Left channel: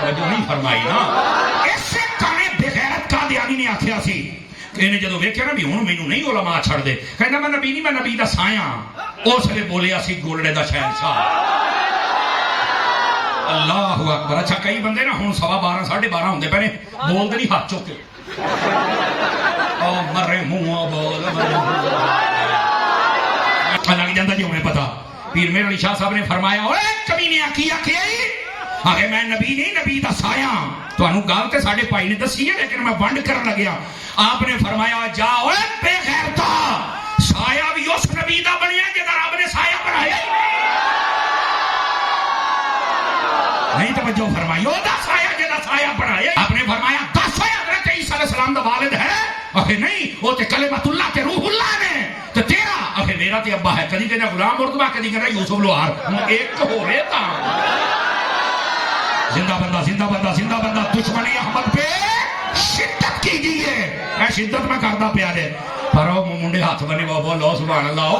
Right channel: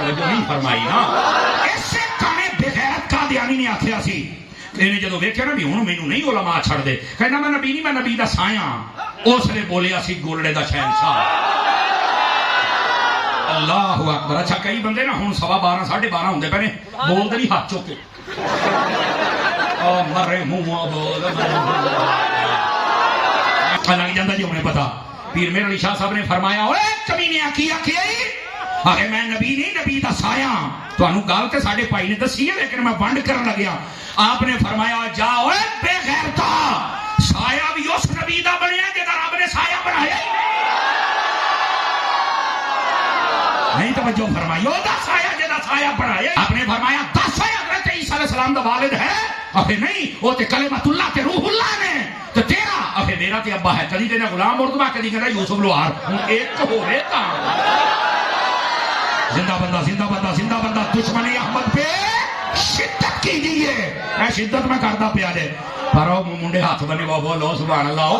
توجہ نہیں فرمائی نا. اسے کانے بغیرت قادیانی نے آخیا سی انہیں جدو ویکھیا نا بھی ہوں مینوں نہیں علماء چھڑ دے, کہنا میں نبی نہیں, میں نبی دا سایہ. اس نے بولیا سی گولڑے دا شہنشاہ. اللہ اکبر. اچھا کئی بندے نا ہوں 12:15 12:30 ہوندے پے نے بول دے نہیں ہاتھ چوک کے مرے منہ بول اچھا لگ جاتا جی انہیں پتا. پیر میرے علی شاہ صاحب نے فرمایا اوے کمینے کی آخیا آگے میں نبی نہیں نبی دا سایہ. تمہیں گل تو سارے بھائی نے دسی ہے لیکن میں ونڈ کرن لگیا. آپ نے فرمایا جا اوے بے غیرتا, سایہ بھی اس نبی دا بنیا جدا رب نے سایہ بنایا ہی نہیں. توجہ فرمائی وہ سایہ جدا سایہ بنایا. آپ نے فرمایا دس حضرت عیسیٰ علیہ السلام دا والد ہے. آخر نہیں وہ تے کلمۃ اللہ تے روح اللہ نے تے تیرا آخر میرا تے ابا ہے. کدی کہنا غلام مردوا, کدی کہنا یوسف لوہار. ہوں ایک ہو رہے تا زندہ بندہ زندہ بندہ زندہ بندہ. دشمنی احمد پہ شدت کیجیے. میں شدت میں کرتا پیا دے پر منڈے ہاتھ بنے بابا لو سبحان اللہ.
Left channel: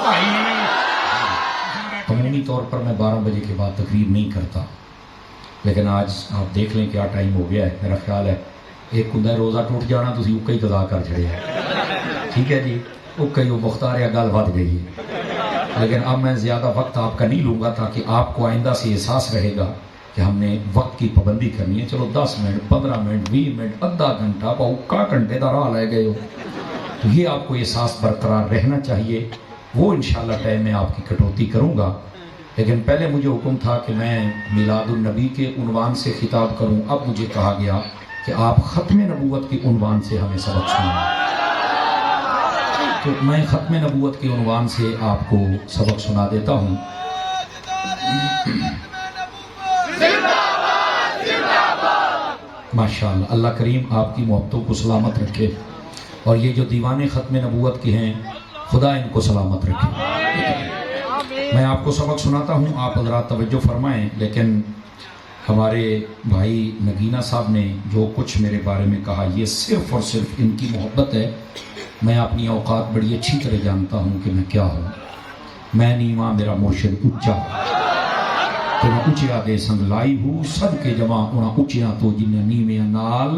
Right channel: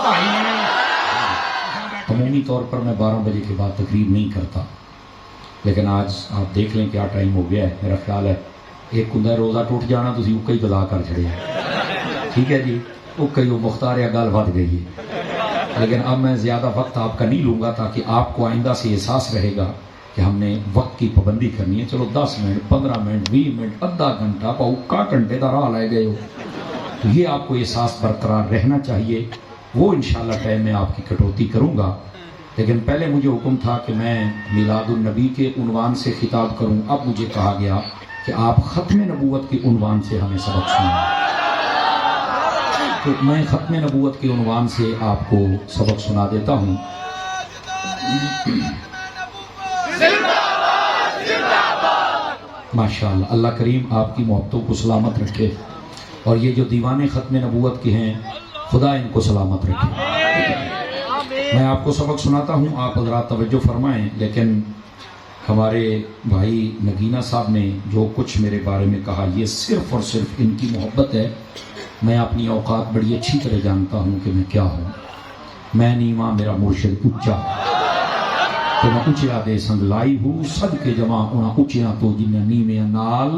عمومی طور پر میں 12 بجے کے بعد تقریر نہیں کرتا, لیکن آج آپ دیکھ لیں کیا ٹائم ہو گیا ہے. میرا خیال ہے ایک ہوں روزہ ٹوٹ جانا, تھی اکا ہی گدا کر چڑے. ٹھیک ہے جی, اکا ہی وہ مختار یا گل ود گئی ہے. لیکن اب میں زیادہ وقت آپ کا نہیں لوں گا تاکہ آپ کو آئندہ سے احساس رہے گا کہ ہم نے وقت کی پابندی کرنی ہے. چلو 10 منٹ 15 منٹ 20 منٹ آدھا گھنٹہ پاؤ گھنٹے کا راہ لے گئے ہو, تو یہ آپ کو احساس برقرار رہنا چاہیے. وہ انشاءاللہ ٹائم میں آپ کی کٹوتی کروں گا, لیکن پہلے مجھے حکم تھا کہ میں میلاد النبی کے عنوان سے خطاب کروں. اب مجھے کہا گیا کہ آپ ختم نبوت کے عنوان سے ہمیں سبق سنائیں, تو میں ختم نبوت کے عنوان سے آپ کو سبق سنا دیتا ہوں. ماشاءاللہ, اللہ کریم آپ کی محبتوں کو سلامت رکھے, اور یہ جو دیوانے ختم نبوت کے ہیں خدا ان کو سلامت رکھے. میں آپ کو سبق سناتا ہوں, آپ حضرات توجہ فرمائیں. لیکن ہمارے بھائی نگینہ صاحب نے جو کچھ میرے بارے میں کہا یہ صرف اور صرف ان کی محبت ہے. میں اپنی اوقات بڑی اچھی طرح جانتا ہوں کہ میں کیا ہوں. میں نیواں میرا مرشد اچا, تو میں اچیا دے سنگ لائی ہوں. سب کے جمع انہاں اچیا تو جنہیں نیویں نال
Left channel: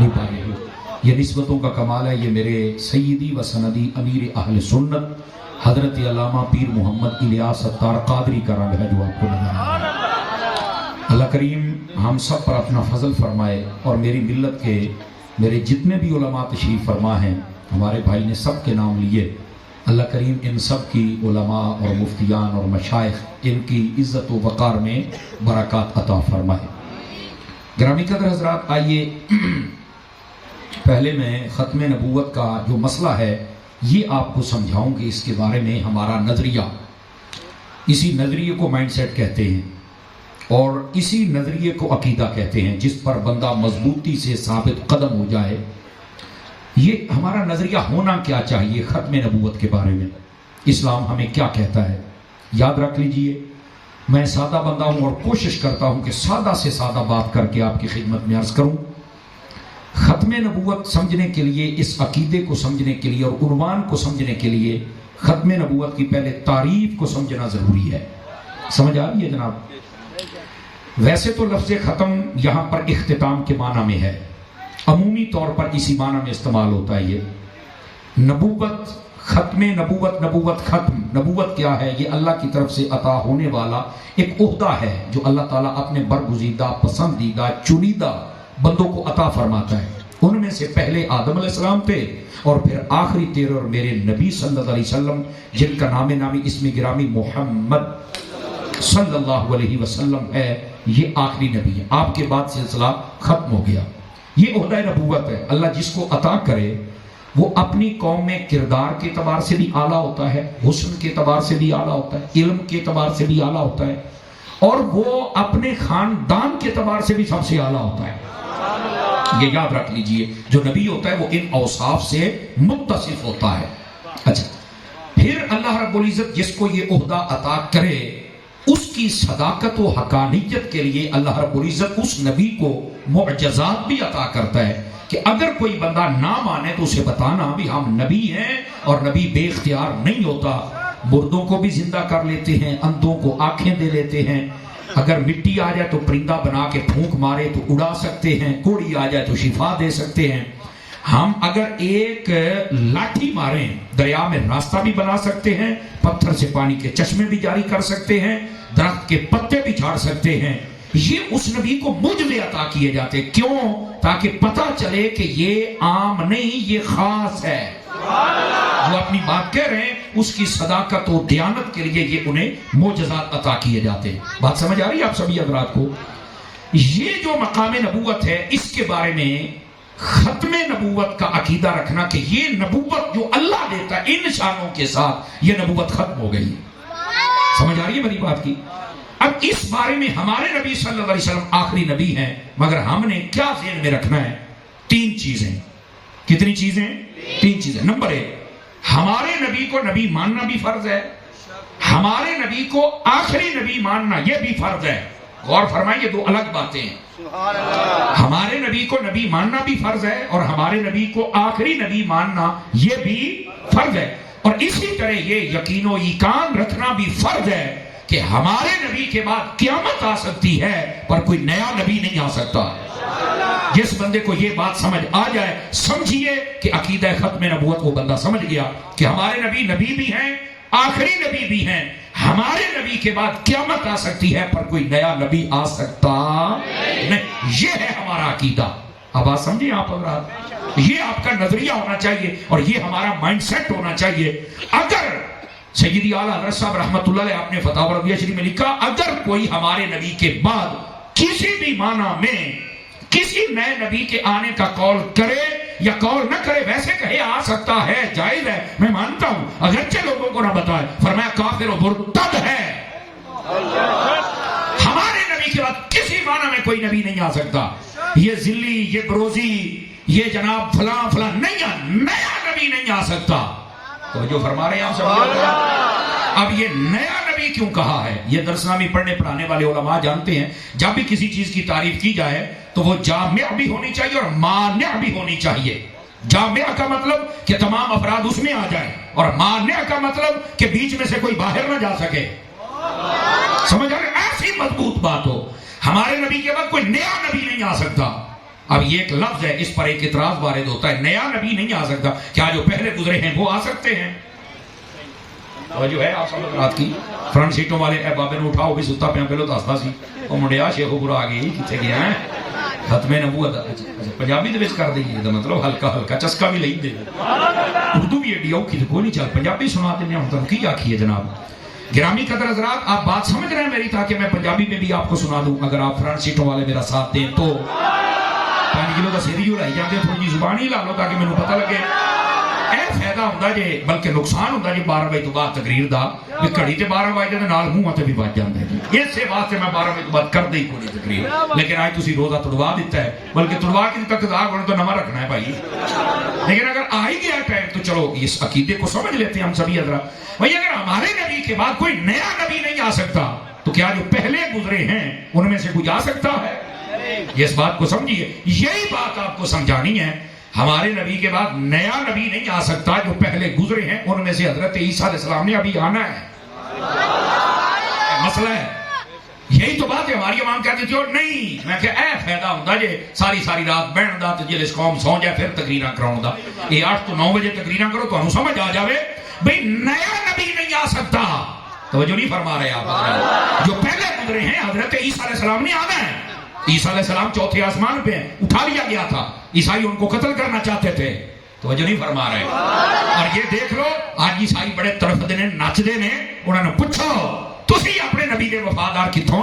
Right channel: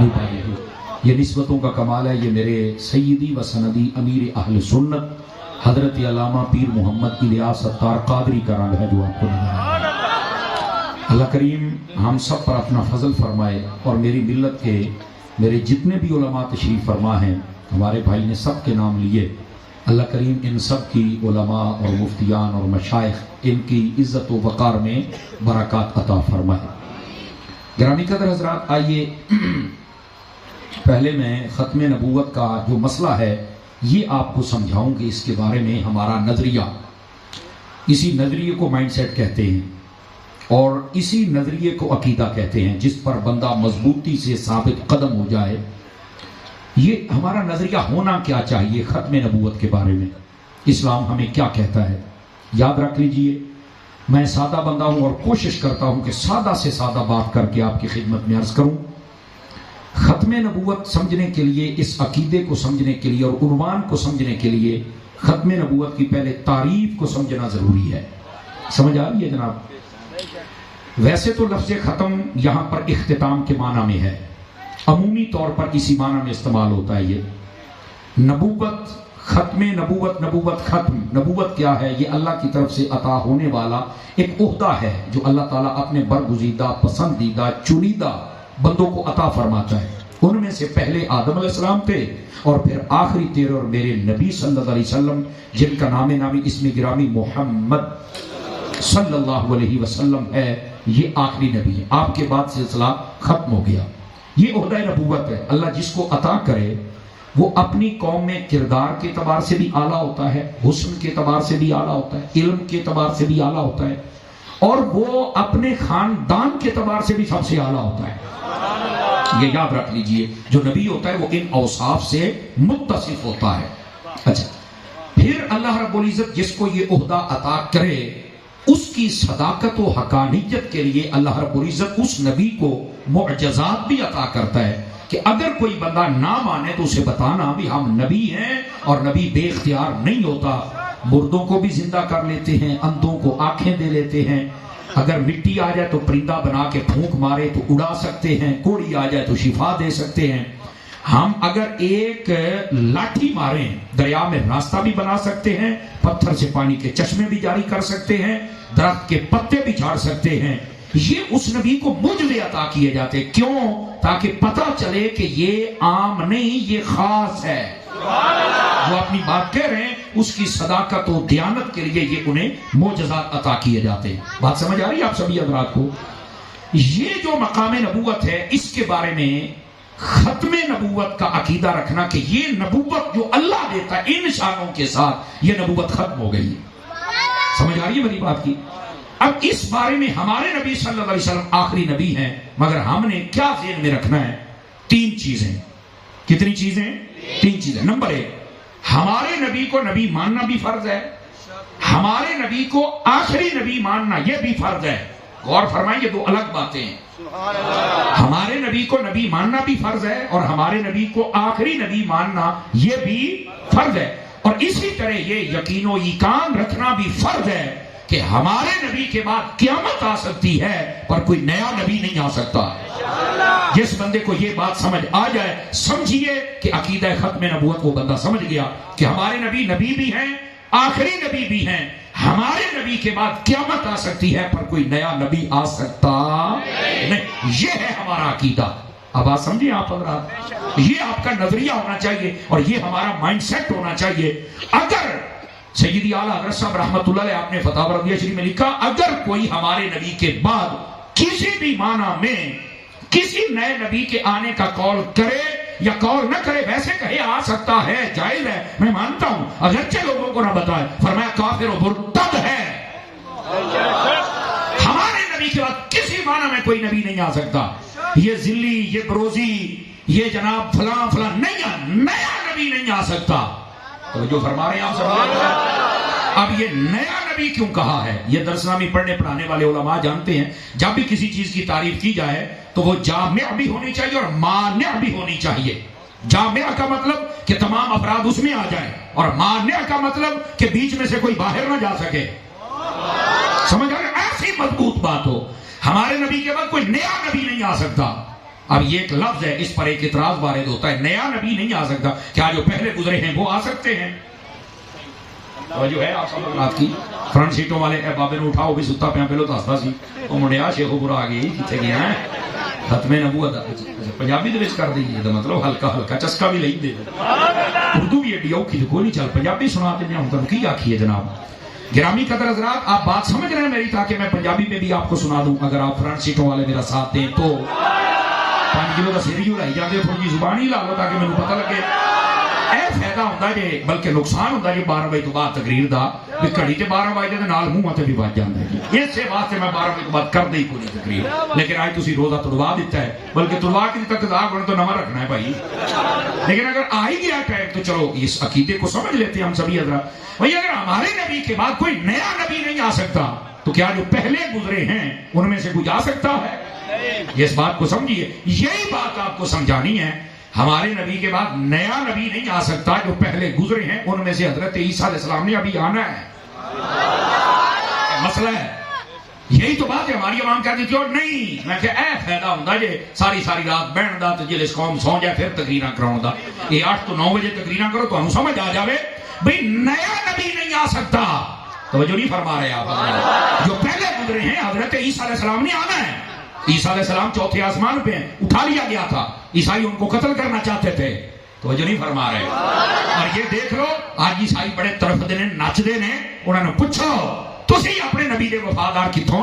نبھائی ہوں. یہ نسبتوں کا کمال ہے. یہ میرے سیدی و سندی امیر اہل سنت حضرت علامہ پیر محمد الیاس اتار قادری کا رنگ ہے جو آپ کو نظر آیا. اللہ کریم ہم سب پر اپنا فضل فرمائے, اور میری ملت کے میرے جتنے بھی علماء تشریف فرما ہیں, ہمارے بھائی نے سب کے نام لیے. اللہ کریم ان سب کی علماء اور مفتیان اور مشائخ ان کی عزت و وقار میں برکات عطا فرمائے. گرامی قدر حضرات, آئیے پہلے میں ختم نبوت کا جو مسئلہ ہے یہ آپ کو سمجھاؤں کہ اس کے بارے میں ہمارا نظریہ, اسی نظریے کو مائنڈ سیٹ کہتے ہیں, اور اسی نظریے کو عقیدہ کہتے ہیں, جس پر بندہ مضبوطی سے ثابت قدم ہو جائے. یہ ہمارا نظریہ ہونا کیا چاہیے ختم نبوت کے بارے میں, اسلام ہمیں کیا کہتا ہے. یاد رکھ لیجئے, میں سادہ بندہ ہوں اور کوشش کرتا ہوں کہ سادہ سے سادہ بات کر کے آپ کی خدمت میں عرض کروں. ختم نبوت سمجھنے کے لیے, اس عقیدے کو سمجھنے کے لیے اور عنوان کو سمجھنے کے لیے ختم نبوت کی پہلے تعریف کو سمجھنا ضروری ہے. سمجھ آ رہی ہے جناب؟ ویسے تو لفظ ختم یہاں پر اختتام کے معنی میں ہے, عمومی طور پر اسی معنی میں استعمال ہوتا ہے. یہ نبوت, ختم نبوت, نبوت ختم. نبوت کیا ہے؟ یہ اللہ کی طرف سے عطا ہونے والا ایک عہدہ ہے جو اللہ تعالیٰ اپنے برگزیدہ, پسندیدہ, چنیدہ بندوں کو عطا فرماتا ہے. ان میں سے پہلے آدم علیہ السلام تھے, اور پھر آخری تیرے اور میرے نبی صلی اللہ علیہ وسلم جن کا نام نامی اسم گرامی محمد صلی اللہ علیہ وسلم ہے, یہ آخری نبی ہے. آپ کے بعد سلسلہ ختم ہو گیا. یہ عہدہ نبوت ہے. اللہ جس کو عطا کرے وہ اپنی قوم میں کردار کے اعتبار سے بھی اعلیٰ ہوتا ہے, حسن کے اعتبار سے بھی اعلیٰ ہوتا ہے, علم کے اعتبار سے بھی اعلیٰ ہوتا ہے, اور وہ اپنے خاندان کے اعتبار سے بھی سب سے اعلیٰ ہوتا ہے. یہ یاد رکھ لیجئے, جو نبی ہوتا ہے وہ ان اوصاف سے متصف ہوتا ہے. اچھا, پھر اللہ رب العزت جس کو یہ عہدہ عطا کرے اس کی صداقت و حقانیت کے لیے اللہ رب العزت اس نبی کو معجزات بھی عطا کرتا ہے کہ اگر کوئی بندہ نہ مانے تو اسے بتانا بھی ہم نبی ہیں, اور نبی بے اختیار نہیں ہوتا. مردوں کو بھی زندہ کر لیتے ہیں, اندھوں کو آنکھیں دے لیتے ہیں, اگر مٹی آ جائے تو پرندہ بنا کے پھونک مارے تو اڑا سکتے ہیں، کوڑی آ جائے تو شفا دے سکتے ہیں، ہم اگر ایک لاٹھی ماریں دریا میں راستہ بھی بنا سکتے ہیں، پتھر سے پانی کے چشمے بھی جاری کر سکتے ہیں، درخت کے پتے بھی جھاڑ سکتے ہیں۔ یہ اس نبی کو معجزے عطا کیے جاتے، کیوں؟ تاکہ پتہ چلے کہ یہ عام نہیں، یہ خاص ہے۔ وہ اپنی بات کہہ رہے ہیں، اس کی صداقت و دیانت کے لیے یہ انہیں معجزات عطا کیے جاتے ہیں۔ بات سمجھ آ رہی ہے آپ سبھی حضرات کو؟ یہ جو مقام نبوت ہے، اس کے بارے میں ختم نبوت کا عقیدہ رکھنا کہ یہ نبوت جو اللہ دیتا ہے ان شانوں کے ساتھ، یہ نبوت ختم ہو گئی ہے۔ سمجھ آ رہی ہے میری بات کی؟ اب اس بارے میں ہمارے نبی صلی اللہ علیہ وسلم آخری نبی ہیں، مگر ہم نے کیا ذہن میں رکھنا ہے؟ 3 چیزیں۔ کتنی چیزیں؟ 3 چیزیں۔ نمبر 1، ہمارے نبی کو نبی ماننا بھی فرض ہے، ہمارے نبی کو آخری نبی ماننا یہ بھی فرض ہے۔ غور فرمائیے، 2 الگ باتیں ہیں۔ ہمارے نبی کو نبی ماننا بھی فرض ہے اور ہمارے نبی کو آخری نبی ماننا یہ بھی فرض ہے، اور اسی طرح یہ یقین و ایقان رکھنا بھی فرض ہے کہ ہمارے نبی کے بعد قیامت آ سکتی ہے پر کوئی نیا نبی نہیں آ سکتا۔ جس بندے کو یہ بات سمجھ آ جائے، سمجھیے کہ عقیدہ ختم نبوت وہ بندہ سمجھ گیا کہ ہمارے نبی نبی بھی ہیں، آخری نبی بھی ہیں، ہمارے نبی کے بعد قیامت آ سکتی ہے پر کوئی نیا نبی آ سکتا نہیں۔ یہ ہے ہمارا عقیدہ۔ اب بات سمجھیے آپ حضرات، یہ آپ کا نظریہ ہونا چاہیے اور یہ ہمارا مائنڈ سیٹ ہونا چاہیے۔ اگر سیدی اعلیٰ حضرت صاحب رحمۃ اللہ علیہ، آپ نے فتاوی رضویہ شریف میں لکھا، اگر کوئی ہمارے نبی کے بعد کسی بھی معنی میں کسی نئے نبی کے آنے کا قول کرے یا قول نہ کرے، ویسے کہے آ سکتا ہے، جائز ہے، میں مانتا ہوں، اگرچہ لوگوں کو نہ بتائے، فرمایا کافر و مرتد ہے۔ ہمارے نبی کے بعد کسی معنی میں کوئی نبی نہیں آ سکتا۔ یہ ذلی، یہ بروزی، یہ جناب فلاں فلاں نہیں، نیا نبی نہیں آ سکتا۔ تو جو فرما رہے ہیں آپ سب، اب یہ نیا نبی کیوں کہا ہے؟ یہ درسنامے پڑھنے پڑھانے والے علماء جانتے ہیں، جب بھی کسی چیز کی تعریف کی جائے تو وہ جامع بھی ہونی چاہیے اور مانع بھی ہونی چاہیے۔ جامع کا مطلب کہ تمام افراد اس میں آ جائیں، اور مانع کا مطلب کہ بیچ میں سے کوئی باہر نہ جا سکے۔ سمجھ آ رہے؟ ایسی مضبوط بات ہو، ہمارے نبی کے بعد کوئی نیا نبی نہیں آ سکتا۔ اب یہ ایک لفظ ہے، اس پر ایک اعتراض وارد ہوتا ہے، نیا نبی نہیں آ سکتا، کیا جو پہلے گزرے ہیں وہ آ سکتے ہیں؟ جو ہے آپ سب بات کی فرنٹ سیٹوں والے اے بابے نے اٹھاؤ بھی ستا پہ پہلو دستا سی وہ منڈیا شیخ پورا آ گئی کتنے گیا ہے ختم نبوت پنجابی دے وچ کر دئیے مطلب ہلکا ہلکا چسکا بھی لئی دے اردو بھی ایڈی اوکھی کوئی نہیں چل پنجابی سنا کے ہم تم کی آکھیے جناب۔ گرامی قدر حضرات، آپ بات سمجھ رہے ہیں میری، تاکہ میں پنجابی میں بھی آپ کو سنا دوں، اگر آپ فرنٹ سیٹوں والے میرا ساتھ دیں تو 5 کلو کا سر ہی اڑائی جاتے، تھوڑی جی زبان ہی لا لو تاکہ مجھے پتہ لگے۔ اے فائدہ ہوتا جے، بلکہ نقصان ہوتا جے 12 بجے تو بعد تقریر دا، کہ گھڑی تے 12 بجے دے نال منہ تے بھی بج جاندے ہیں۔ اس سے واسطے میں 12 بجے بعد کر دئی پوری تقریر، لیکن آج تسی روزہ تڑوا دیتا ہے، بلکہ تڑوا کے تک دا گن تو نواں رکھنا ہے بھائی۔ لیکن اگر آ ہی گیا ٹائم تو چلو اس عقیدے کو سمجھ لیتے ہیں ہم سبھی حضرات۔ بھائی اگر ہمارے نبی کے بعد کوئی نیا نبی نہیں آ سکتا تو کیا جو پہلے گزرے ہیں ان میں سے کوئی آ سکتا ہے؟ اس بات کو سمجھیے، یہی بات آپ کو سمجھانی ہے۔ ہمارے نبی کے بعد نیا نبی نہیں آ سکتا، جو پہلے گزرے ہیں ان میں سے حضرت عیسیٰ علیہ السلام نے ابھی آنا ہے۔ مسئلہ ہے یہی تو بات ہے۔ ہماری عوام کہتی تھی اور نہیں، میں کہ اے فائدہ ہوتا جی ساری رات بہن دا تو جلس قوم سو جائے پھر تقریراں کراؤں دا، یہ 8 تو 9 بجے تقریراں کرو تو ہم سمجھ آ جاوے بھئی نیا نبی نہیں آ سکتا۔ توجہ نہیں فرما رہے آپ، جو پہلے گزرے ہیں حضرت عیسیٰ علیہ السلام نے آنا ہے۔ عیسیٰ علیہ السلام 4تھے آسمان پہ ہیں، اٹھا لیا گیا تھا، عیسائی ان کو قتل کرنا چاہتے تھے، تو جو نہیں فرما رہے۔ اور یہ دیکھ لو آج عیسائی بڑے تڑپ دے نچ دے نے، انہوں نے پوچھو تسی اپنے نبی دے وفادار کتوں،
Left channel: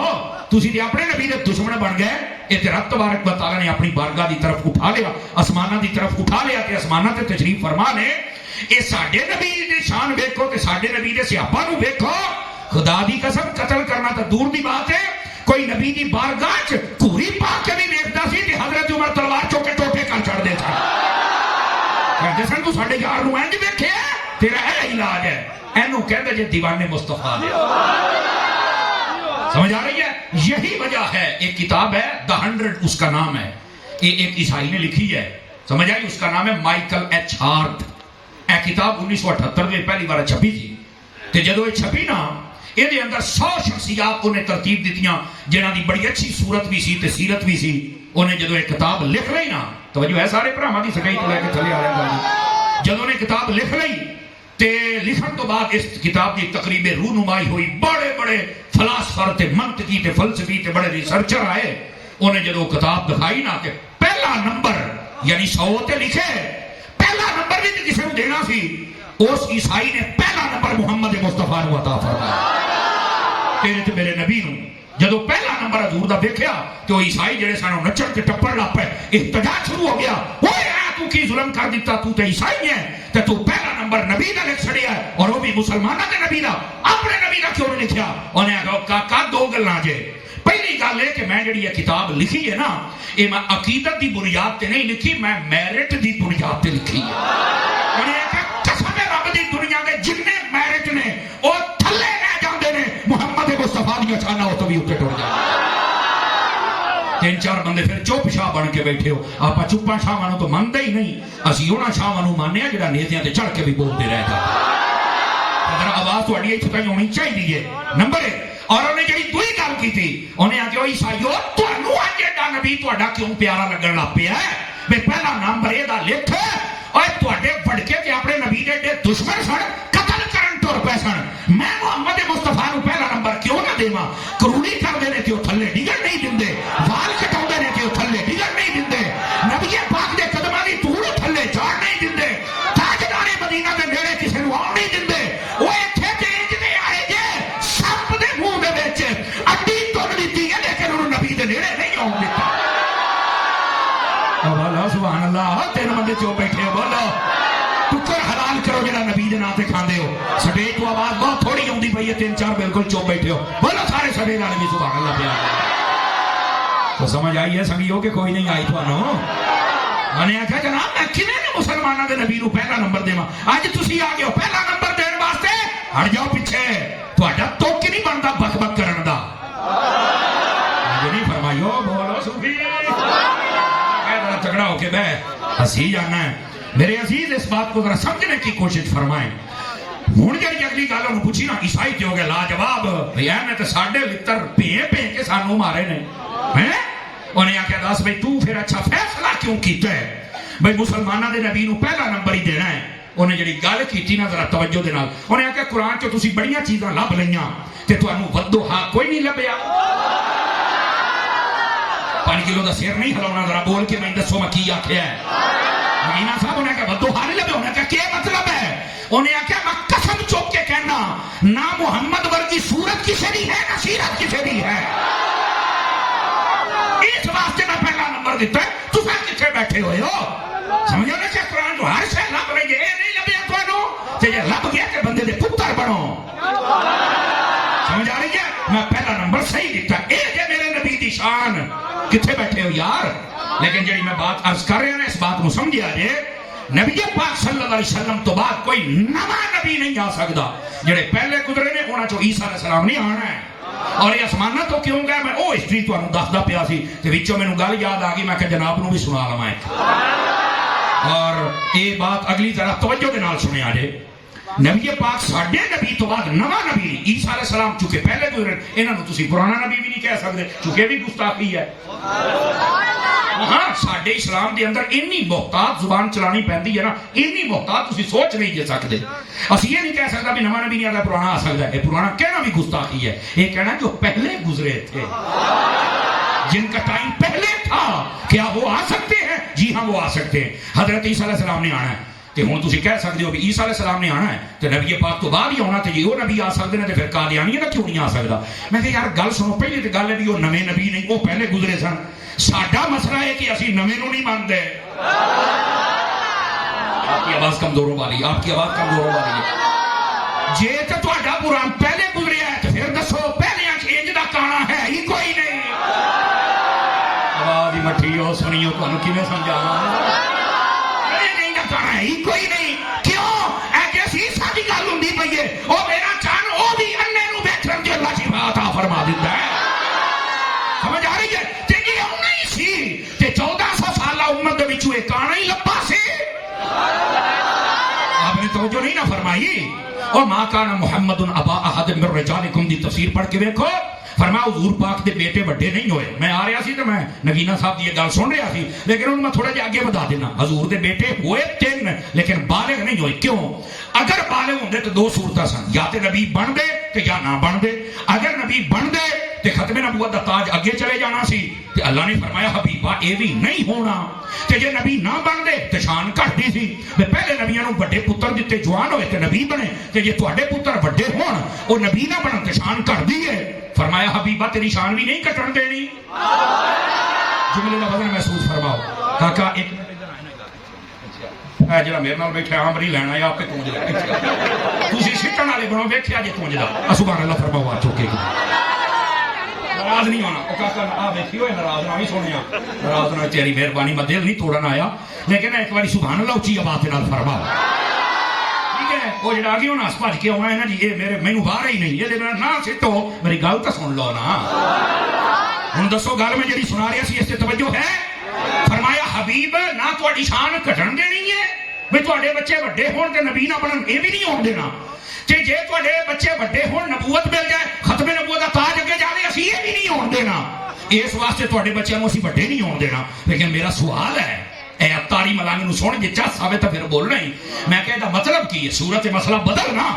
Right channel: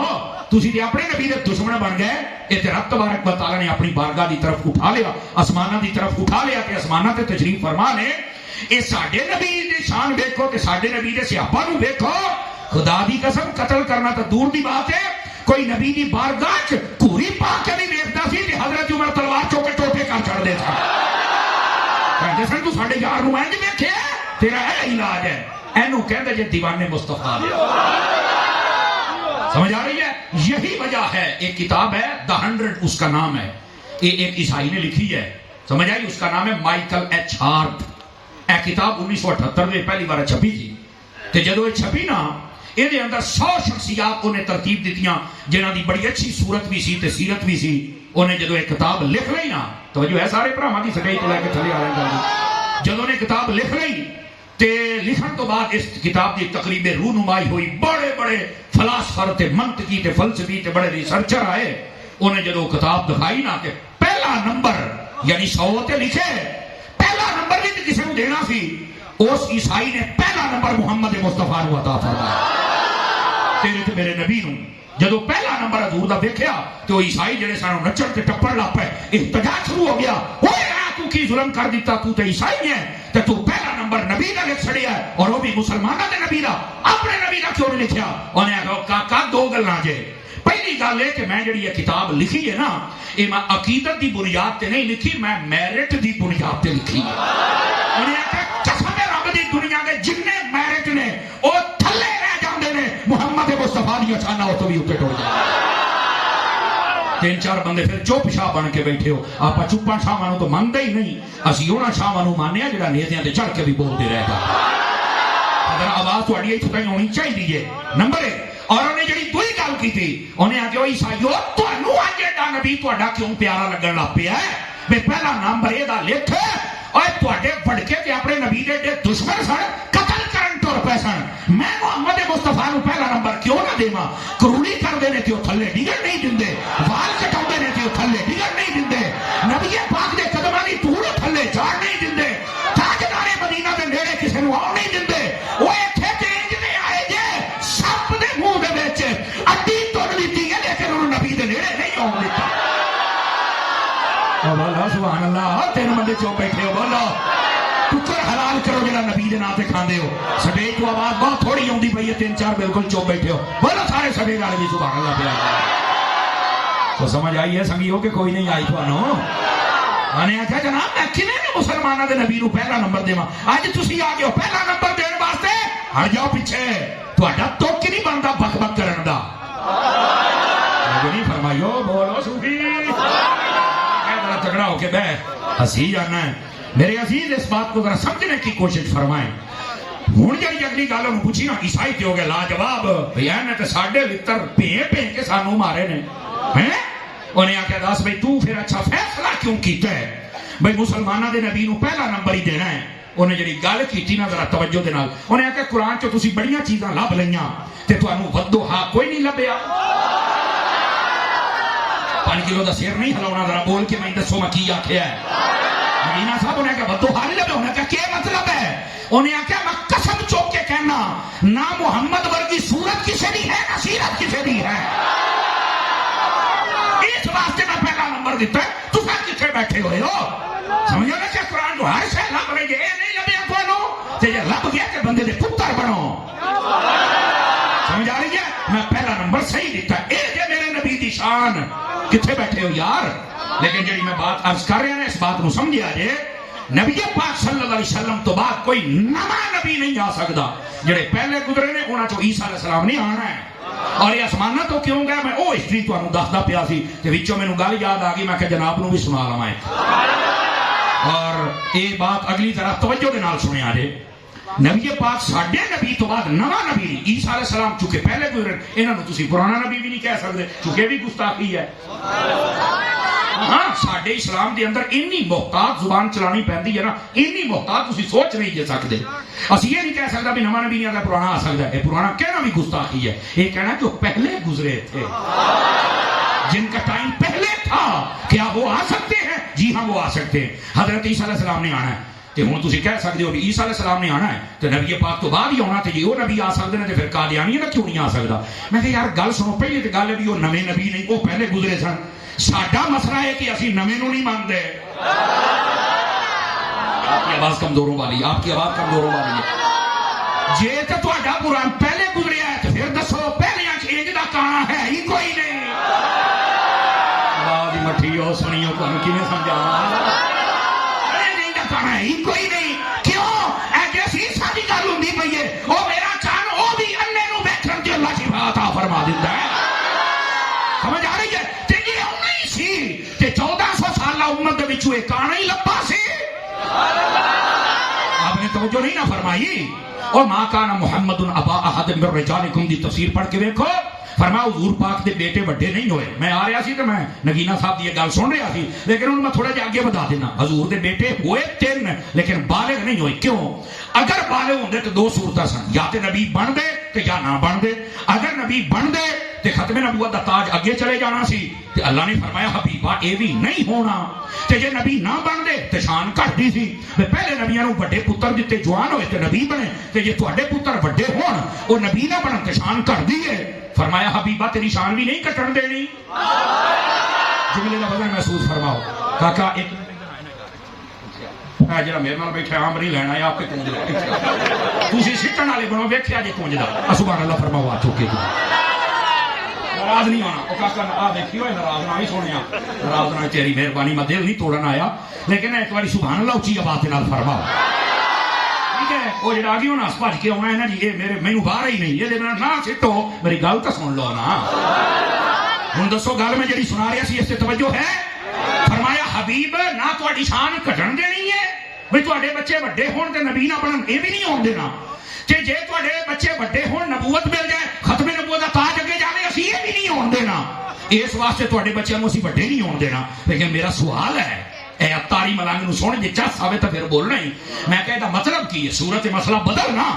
تسی دے اپنے نبی دے دشمن بن گئے۔ یہ رب تبارک و تعالیٰ نے اپنی بارگاہ دی طرف اٹھا لیا، آسمانہ دی طرف اٹھا لیا کہ آسمانہ تے تشریف فرما لے۔ یہ ساڈے نبی دی شان دیکھو تے ساڈے نبی دے صحابہ نو دیکھو، خدا دی قسم قتل کرنا تو دور دی بات ہے، کوئی نبی دی بارگاہ چ کوری پاک کے نہیں دیکھتا سی کہ حضرت عمر تلوار چوکے چوکے کر چڑھ دے تھا۔ جسن تو ساڈے یار نو انج دیکھے تیرا اے علاج ہے، اینو کہندے جے دیوانے مصطفیٰ دے۔ سمجھ آ رہی ہے؟ یہی وجہ ہے، ایک کتاب ہے دا 100 اس کا نام ہے، یہ ایک عیسائی نے لکھی ہے، سمجھ آئی؟ اس کا نام ہے مائیکل ایچ ہارٹ۔ اے کتاب 1978 میں پہلی بار چھپی تھی، تے جدو یہ چھپی نا یہ اندر 100 شخصیات کو نے ترتیب دیتیاں جنہاں دی بڑی اچھی صورت بھی سی تے سیرت بھی سی. انہیں جدو ایک کتاب لکھ رہی نا, توجہ ہے سارے بھراواں دی سگائی تو لے کے تھلے آ رہے ہیں, جدو نے کتاب لکھ رہی تے لکھن تو بعد اس کتاب کی تقریب رونمائی ہوئی, بڑے بڑے فلاسفر تے منطقی تے فلسفی تے بڑے ریسرچر آئے. انہیں جدو کتاب دکھائی نا کہ پہلا نمبر یعنی 100 تے لکھے, پہلا نمبر بھی کسی کو دینا سی, اس عیسائی نے پہلا نمبر محمد مصطفیٰ کو عطا فرمایا. تیرے تے میرے نبی نو جدو پہلا نمبر حضور دا دیکھیا تو عیسائی جڑے سانو نچن تے ٹپڑ لگ پے, احتجاج شروع ہو گیا. تو کی ظلم کر دیتا, تو تے عیسائی ہے تے تو پہلا نمبر نبی دا لکھ چھڑیا اور وہ بھی مسلمانوں دے نبی دا, اپنے نبی دا کیوں نہیں لکھیا؟ انہیں آخیا کاکا دو گلاں جے. پہلی گل ہے کہ میں جڑی یہ کتاب لکھی ہے نا, یہ میں عقیدت دی بنیاد تے نہیں لکھی, میں میرٹ دی بنیاد تے لکھی ہے. انہیں آخیا قسم رب دی دنیا دے جتنے میرٹ نے وہ تھلے رہ جاندے نے, محمد مصطفیٰ دی کھانا تو بھی اوتے ٹر جائے. 3-4 بندے پھر چپ شاہ بن کے بیٹھے ہو. آپ چپا شاہاں تو مانتے ہی نہیں, اسی انہاں شاہاں ماننے جڑا نیتیاں تے چڑھ کے بھی بولتے رہ گئے. اگر آواز تھوڑی اتنے تک ہونی چاہیے. نمبر 1. اور انہیں جڑی دوئی گل کی تھی, انہیں آخیا عیسائیو تمہیں اج ایڈا نبی تہاڈا کیوں پیارا لگن لگ پیا ہے؟ بے پہلا نمبر یہ لکھ, اور تہاڈے بڑکے تے اپنے نبی دے دشمن سن, قتل کرن تر پے سن. میں محمد مصطفیٰ نو پہلا نمبر کیوں نہ دیواں؟ کرولی کردے نے تے تھلے ڈگن نہیں دیندے, وال کٹاندے نے تے تھلے ڈگن نہیں دیندے, نبی پاک دے قدماں دی دھول تھلے جان نہیں دیندے, تاجدار مدینہ دے نیڑے کسے نوں آن نہیں دیندے. او ایتھے تے انج دے آئے جے سپ دے منہ دے وچ اڈی تر دتی ہے, لیکن انہوں نبی دے نیڑے نہیں آن دتا. بولو سبحان اللہ. 3 بندے چو بیٹھے ہو, بولو ٹکر حلال کرو جڑا نبی دے نام تے کھاندے ہو. سٹیج کو آواز بہت تھوڑی آندی پئی ہے, 3-4 بالکل چپ بیٹھے ہو, بولو سارے سٹیج والے بھی سبحان اللہ پیا. تو سمجھ آئی ہے سنگیو کہ کوئی نہیں آئی تھانوں؟ میں آخیا جناب میں کھنے نے مسلمانوں کے نبی نو پہلا نمبر دیواں, اج تسی آ گئے ہو پہلا نمبر دین واسطے. ہٹ جاؤ پیچھے, تہاڈا توک نہیں بنتا بک بک کرن دا. نہیں فرمائیو بولو صوفی تگڑا ہو کے بہ ہسی جانا ہے. میرے عزیز اس بات کو ذرا سمجھنے کی کوشش فرمائیں. ہوں جی اگلی گل انہوں پوچھی نا, عیسائی تے ہو گئے لاجواب, میں تو ساڈے لتر پے کے سانوں مارے نے. انہیں آخیا دس بھائی تو پھر اچھا فیصلہ کیوں کیتا ہے بھائی مسلمانوں دے نبی نو پہلا نمبر ہی دینا ہے؟ انہیں جڑی گل کی نا ذرا توجہ دے نال, انہیں آخیا قرآن چ تسی بڑیاں چیزاں لب لئیاں تے تانوں ودو ہا کوئی نہیں لبیا. 5 کلو دا سر نہیں ہلاونا, ذرا بول کے میں دسو میں کی آخیا ہے. مدینہ صاحب انہیں کہا ودو ہا نہیں لبیا. انہیں کہا کیا مطلب ہے؟ انہیں آخیا میں قسم چوک کے کہنا, نہ محمد ورگی صورت کسی دی ہے نہ سیرت کسی دی ہے. اس واسطے نہ پہلا نمبر دیتا ہے. تم کتنے بیٹھے ہوئے ہو؟ سمجھو نا کہ قرآن کو ہر سے لگ رہی ہے, نہیں لبیا تھانوں تے یہ لگ گیا کہ بندے دے پتر بنو. سمجھ آ رہی ہے؟ میں پہلا نمبر صحیح دیتا. اے جے میرے نبی دی شان. کتنے بیٹھے ہو یار؟ لیکن جی میں بات عرض کر رہا ہوں اس بات کو سمجھا جے, نبی پاک صلی اللہ علیہ وسلم تو بعد کوئی نواں نبی نہیں آ سکتا. جڑے پہلے گزرے نے انہاں چوں عیسیٰ علیہ السلام نہیں آنا ہے. اور یہ آسمانہ تو کیوں گیا؟ میں وہ ہسٹری تمہیں دستا پیا سی تے وچوں مینوں گل یاد آ گئی, میں کہ جناب نو بھی سنا لواں. اور یہ بات اگلی ذرا توجہ دے نال سنیا جے. نبی پاک ساڈے نبی تو بعد نواں نبی عیسیٰ علیہ السلام چونکہ پہلے گزرے, انہاں نوں تسی پرانا نبی بھی نہیں کہہ سکتے چونکہ بھی گستاخی ہے. ہاں ساڈے اسلام دے اندر انی محتاط زبان چلانی پیندی ہے نا, انی محتاط تسی سوچ نہیں جے سکتے. اسی یہ نہیں کہہ سکتا بھی نواں نبی نہیں آتا پرانا آ سکتا ہے. پرانا کہنا بھی گستاخی ہے. یہ کہنا کہ وہ پہلے گزرے تھے, جن کا ٹائم پہلے تھا. کیا وہ آ سکتے ہیں؟ جی ہاں وہ آ سکتے ہیں. حضرت عیسیٰ علیہ السلام نے آنا ہے کہ ہوں تسی کہہ سکتے ہو بھی عیسیٰ علیہ السلام نے آنا ہے تو نبی پاک تو بعد ہی آنا تھے. جی وہ نبی آ سکتے ہیں تو پھر قادیانی کا کیوں نہیں آ سکتا؟ میں کہ یار گل سنو, پہلی تو گل ہے بھی وہ نویں نبی نہیں, وہ پہلے گزرے سن. ساڈا مسئلہ ہے کہ اسی نویں نو نہیں مانتے. آپ کی آواز کمزوروں والی, آپ کی آواز کمزوروں والی ہے. جے تو تہاڈا قرآن پہلے گزرے ہے تو پھر دسو پہلے انج دا کانا ہے ہی کوئی نہیں. آواز ہی مٹھی ہو سنی ہو, تمہیں کیویں سمجھاواں؟ کوئی نہیں. کیوں؟ ایسی ساری گل ہوں پی ہے. وہ میرا چان وہ بھی انے نو بیٹھن کے اللہ شفا عطا فرما دیتا ہے. سمجھ آ رہی ہے؟ تے یہ نہیں سی تے 1400 سالہ امت دے وچوں ایک آنا ہی لبا سی. آپ نے توجہ نہیں نہ فرمائی. اور ماں کانا محمد ابا احد من رجالکم دی تفسیر پڑھ کے دیکھو، فرمایا حضور پاک دے بیٹے وڈے نہیں ہوئے. میں آ رہا سی تو میں نگینا صاحب کی یہ گل سن رہا سی، لیکن انہوں میں تھوڑا جہا آگے بتا دینا. حضور دے بیٹے ہوئے 3 لیکن بالغ نہیں ہوئے. کیوں؟ اگر بالغ ہوندے تو 2 صورتاں سن، یا تے نبی بن دے تے یا نہ بن دے. اگر نبی بن دے تے ختم نبوت دا تاج اگے چلے جانا سی، تے اللہ نے فرمایا حبیبا اے بھی نہیں ہونا. تے جے نبی نہ بن دے تے شان گھٹدی سی. تے پہلے نبیاں نوں بڑے پتر دتے، جوان ہوئے تے نبی بنے. تے جے تواڈے پتر وڈے ہون او نبی نہ بنن تے شان گھٹدی ہے. فرمایا حبیبا تیری شان بھی نہیں کٹن دینی. جملے دا وزن محسوس فرماؤ. کاکا ایک جڑا میرے نال بیٹھا آم نہیں لینا ہے، آپ پہ کونج لگا. تسی سکن والے بنو، ویکھیا جے کونج لگا. سبحان اللہ فرماؤ. آ چکے گی ناراض نہیں ہونا. کاکا آ دیکھی ہوئے ناراض نہ ہی سونے، ناراض نہ، تیری مہربانی میں دل نہیں توڑن آیا، لیکن ایک باری سبحان اللہ اچھی آواز نال فرما. ٹھیک ہے، وہ جڑا آگے ہونا بھج کے آنا ہے نا جی، یہ میرے مینوں باہر ہی نہیں، یہ نہ سٹو، میری گل تو سن لو نا. ہوں دسو گل میں جڑی سنا رہا سی اس سے توجہ ہے؟ فرمایا حبیب نہ تہاڈی شان گھٹن دینی ہے بھی تہاڈے بچے وڈے ہون تے نبی نہ بنن، یہ بھی نہیں ہون دینا. تے جے تہاڈے بچے وڈے ہون نبوت مل جائے، ختم نبوت دا تاج اگے جاوے، اسی یہ بھی نہیں ہون دینا. اس واسطے تہاڈے بچیاں نوں اسی وڈے نہیں ہون دینا. لیکن میرا سوال ہے، اے اتاری ملنگ نوں سن، جے چا ساوے تو پھر بولنا ہی. میں کہدا مطلب کی ہے؟ صورت مسئلہ بدلنا،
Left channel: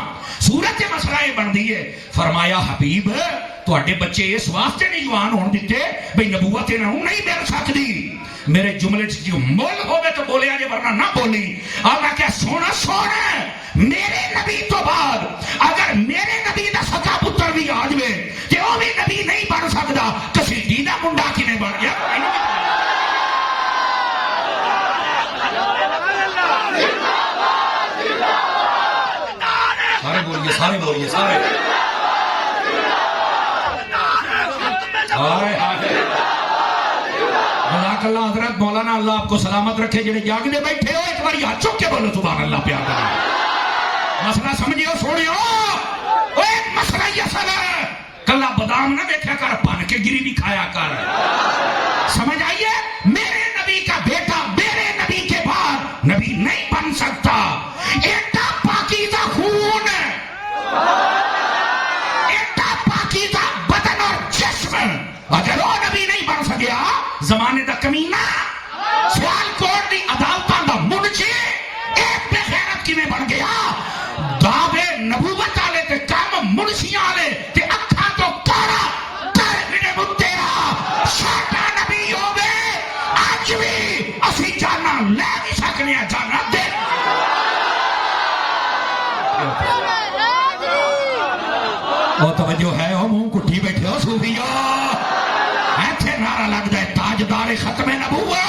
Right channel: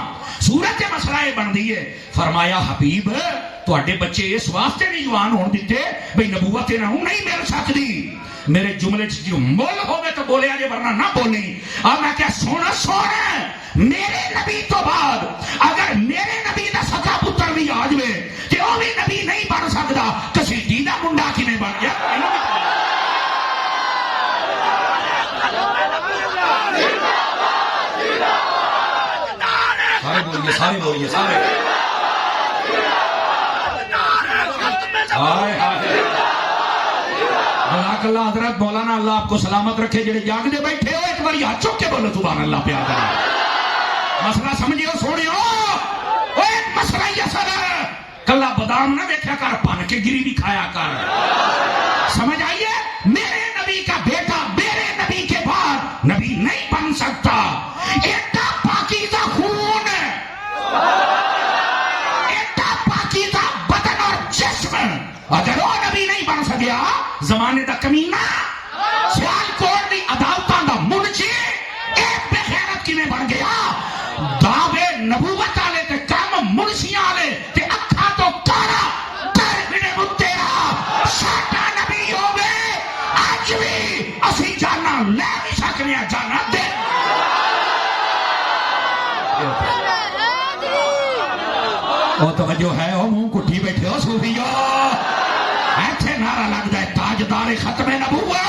صورت مسئلہ یہ بندی ہے. فرمایا حبیب تہاڈے بچے اس واسطے نہیں جوان ہون دیتے بھئی نبوت انہاں نوں نہیں مل سکدی. میرے جملے جو مول ہوگے تو بولیا جے، ورنہ نہ بولی. اور میں کیا سونا سونا میرے نبی تو بعد اگر میرے نبی دا سچا پتر بھی آ جائے کہ وہ بھی نبی نہیں بن سکتا، کسی دیدہ منڈا کیویں بن گیا؟ سارے بولیے، سارے بولیے، سارے. جزاک اللہ حضرت مولانا، اللہ آپ کو سلامت رکھے. جڑے جاگتے بیٹھے ہو ایک بار ہاتھ چک کے بولو سبحان اللہ. پیار کرنا مسئلہ سمجھو، سوڑیو مسئلہ یہ سر کلا بادام نہ دیکھا کر، پن کے گری بھی کھایا کر. سمجھ آئیے؟ میرے نبی کا بیٹا میرے نبی کے بعد نبی نہیں بن سکتا. ایٹا پاکیزہ خون، ایٹا پاکیزہ بدن اور جسم، اگر وہ نبی نہیں بن سکیا، زمانے دا کمینہ سیال کوٹ دی عدالتاں دا منشی ایک بے غیرت کیویں بن گیا؟ دعوے نبوت والے تے کم منشیاں والے تے اکھاں تو کالا کر بنے متیرا ساڈا نبی ہووے. اج بھی اسی جانا لے بھی سکنے، جانا دے. وہ توجہ ہے، وہ منہ کٹھی بیٹھے ہو سوریو، ایتھے نعرہ لگدا ہے تاجدار ختم نبوت.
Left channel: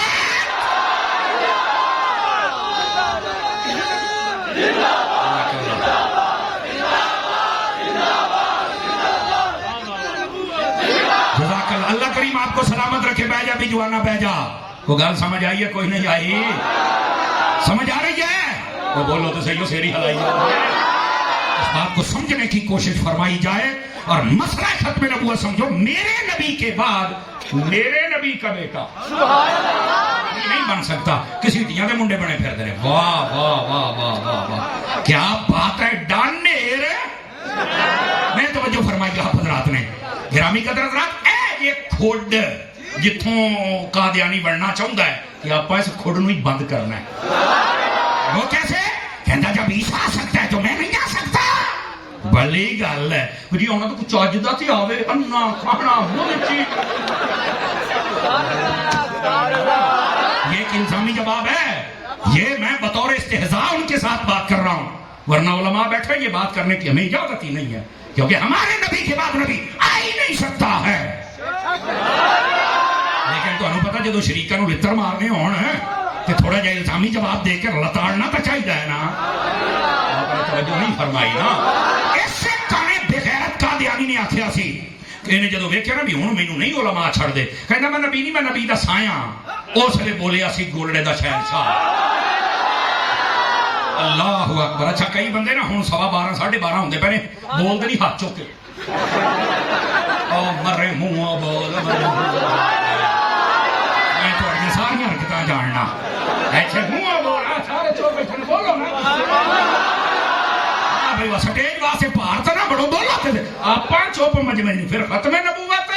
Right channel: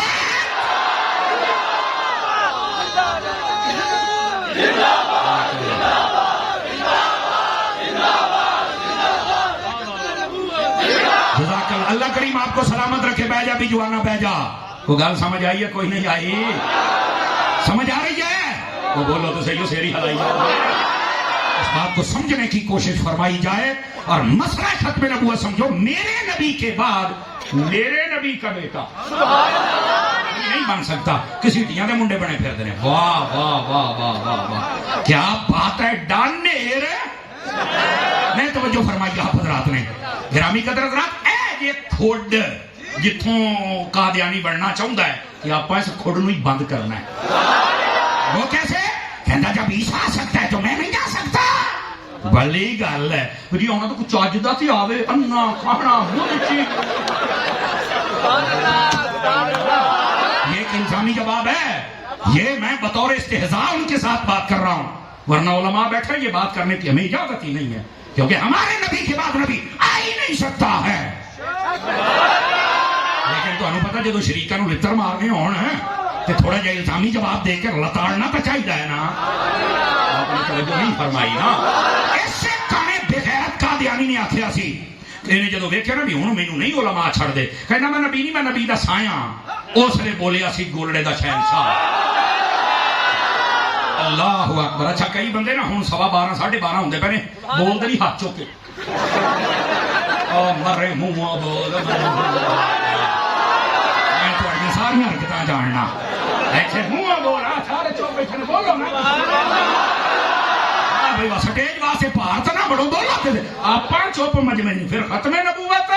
جزاک اللہ. اللہ کریم آپ کو سلامت رکھے. بہ جا بھی جوانا بہ جا. وہ گل سمجھ آئی ہے؟ کوئی نہیں آئی؟ سمجھ آ رہی ہے؟ وہ بولو تو صحیح، سیری ہلائی. اس بات کو سمجھنے کی کوشش فرمائی جائے اور مسئلہ ختم نبوت سمجھو. میرے نبی کے بعد میرے نبی کا بیٹا نہیں بن سکتا. کسی ٹیاں کے منڈے بنے پھر دے. واہ واہ واہ واہ واہ واہ، کیا بات ہے. ڈانیر میں توجہ فرمائی حضرات نے، گرامی قدر حضرات. اے یہ کھوڈ جتوں قادیانی بننا چاہتا ہے کہ آپ اس کھوڈ نو ہی بند کرنا ہے. وہ کیسے کہندا جب عیسیٰ آ سکتا ہے تو میں نہیں آ سکتا. بھلی گل ہے جی، آنا تو کچھ چجدا تے آوے. انا کھانا یہ ایک انسانی جواب ہے. یہ میں بطور استہزاء ان کے ساتھ بات کر رہا ہوں، ورنہ علماء بیٹھے یہ بات کرنے کی ہمیں اجازت ہی نہیں ہے، کیونکہ ہمارے نبی کے بعد نبی آ ہی نہیں سکتا ہے. لیکن تمہیں پتا جدو شریکاں نوں لتر مارنے ہون تو تھوڑا جہا الزامی جواب دے کے لتاڑنا تو چاہیے ہے نا. توجہ نہیں فرمائی نا. اس سے کانے بغیرت قادیانی نے آخیا سی، انہیں جدو ویکھیا نا بھی ہوں مینوں نہیں علماء چھڑ دے، کہنا میں نبی نہیں، میں نبی دا سایہ. اس لیے بولیا سی گولڑے دا شہنشاہ. اللہ اکبر. اچھا کئی بندے نا ہوں 12:15 12:30 ہوندے پے نے بولدے نہیں ہاتھ چک کے، مرے منہ بول. میں تھوڑی ساری حرکتاں جاننا. ایسے منہ بول سارے چوک بیٹھے بولو نا. بھائی سٹیج واسطے بھارت نہ بڑو دولت آپ چپ مجمے نہیں پھر ختم نبوت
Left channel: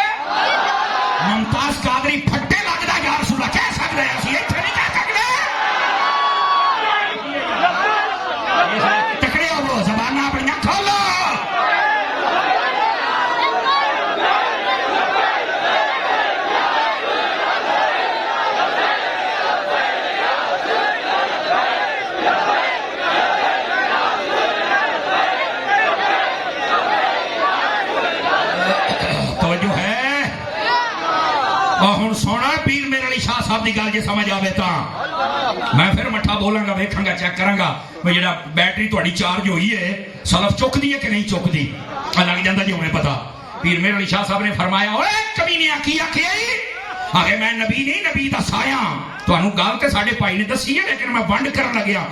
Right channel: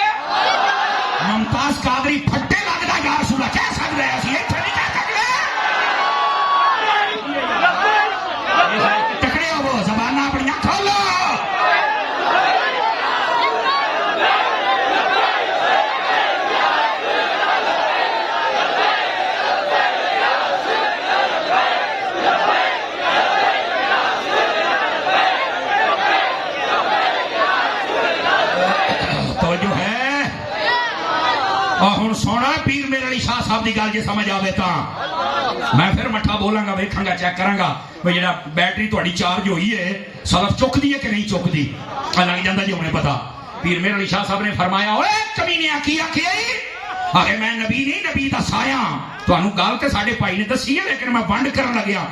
ممتاز قادری پھٹے لگتا گار صبح کہہ سکتا ہے اسی اتنے نہیں کہہ سکتے ٹکڑے ہو زبانہ اپنی کھولو سونا پیر میرے علی شاہ صاحب کی گل جی سمجھ آئے تو میں پھر مٹھا بولاں گا ویکھاں گا چیک کراں گا بھائی جا بیٹری تھوڑی چارج ہوئی ہے سلف چکتی ہے کہ نہیں چکتی لگ جاتا جی انہیں پتا پیر میرے علی شاہ صاحب نے فرمایا اوے کمینے کی آخیا آگے میں نبی نہیں نبی دا سایہ تمہیں گل تو سارے بھائی نے دسی ہے لیکن میں ونڈ کرن لگیا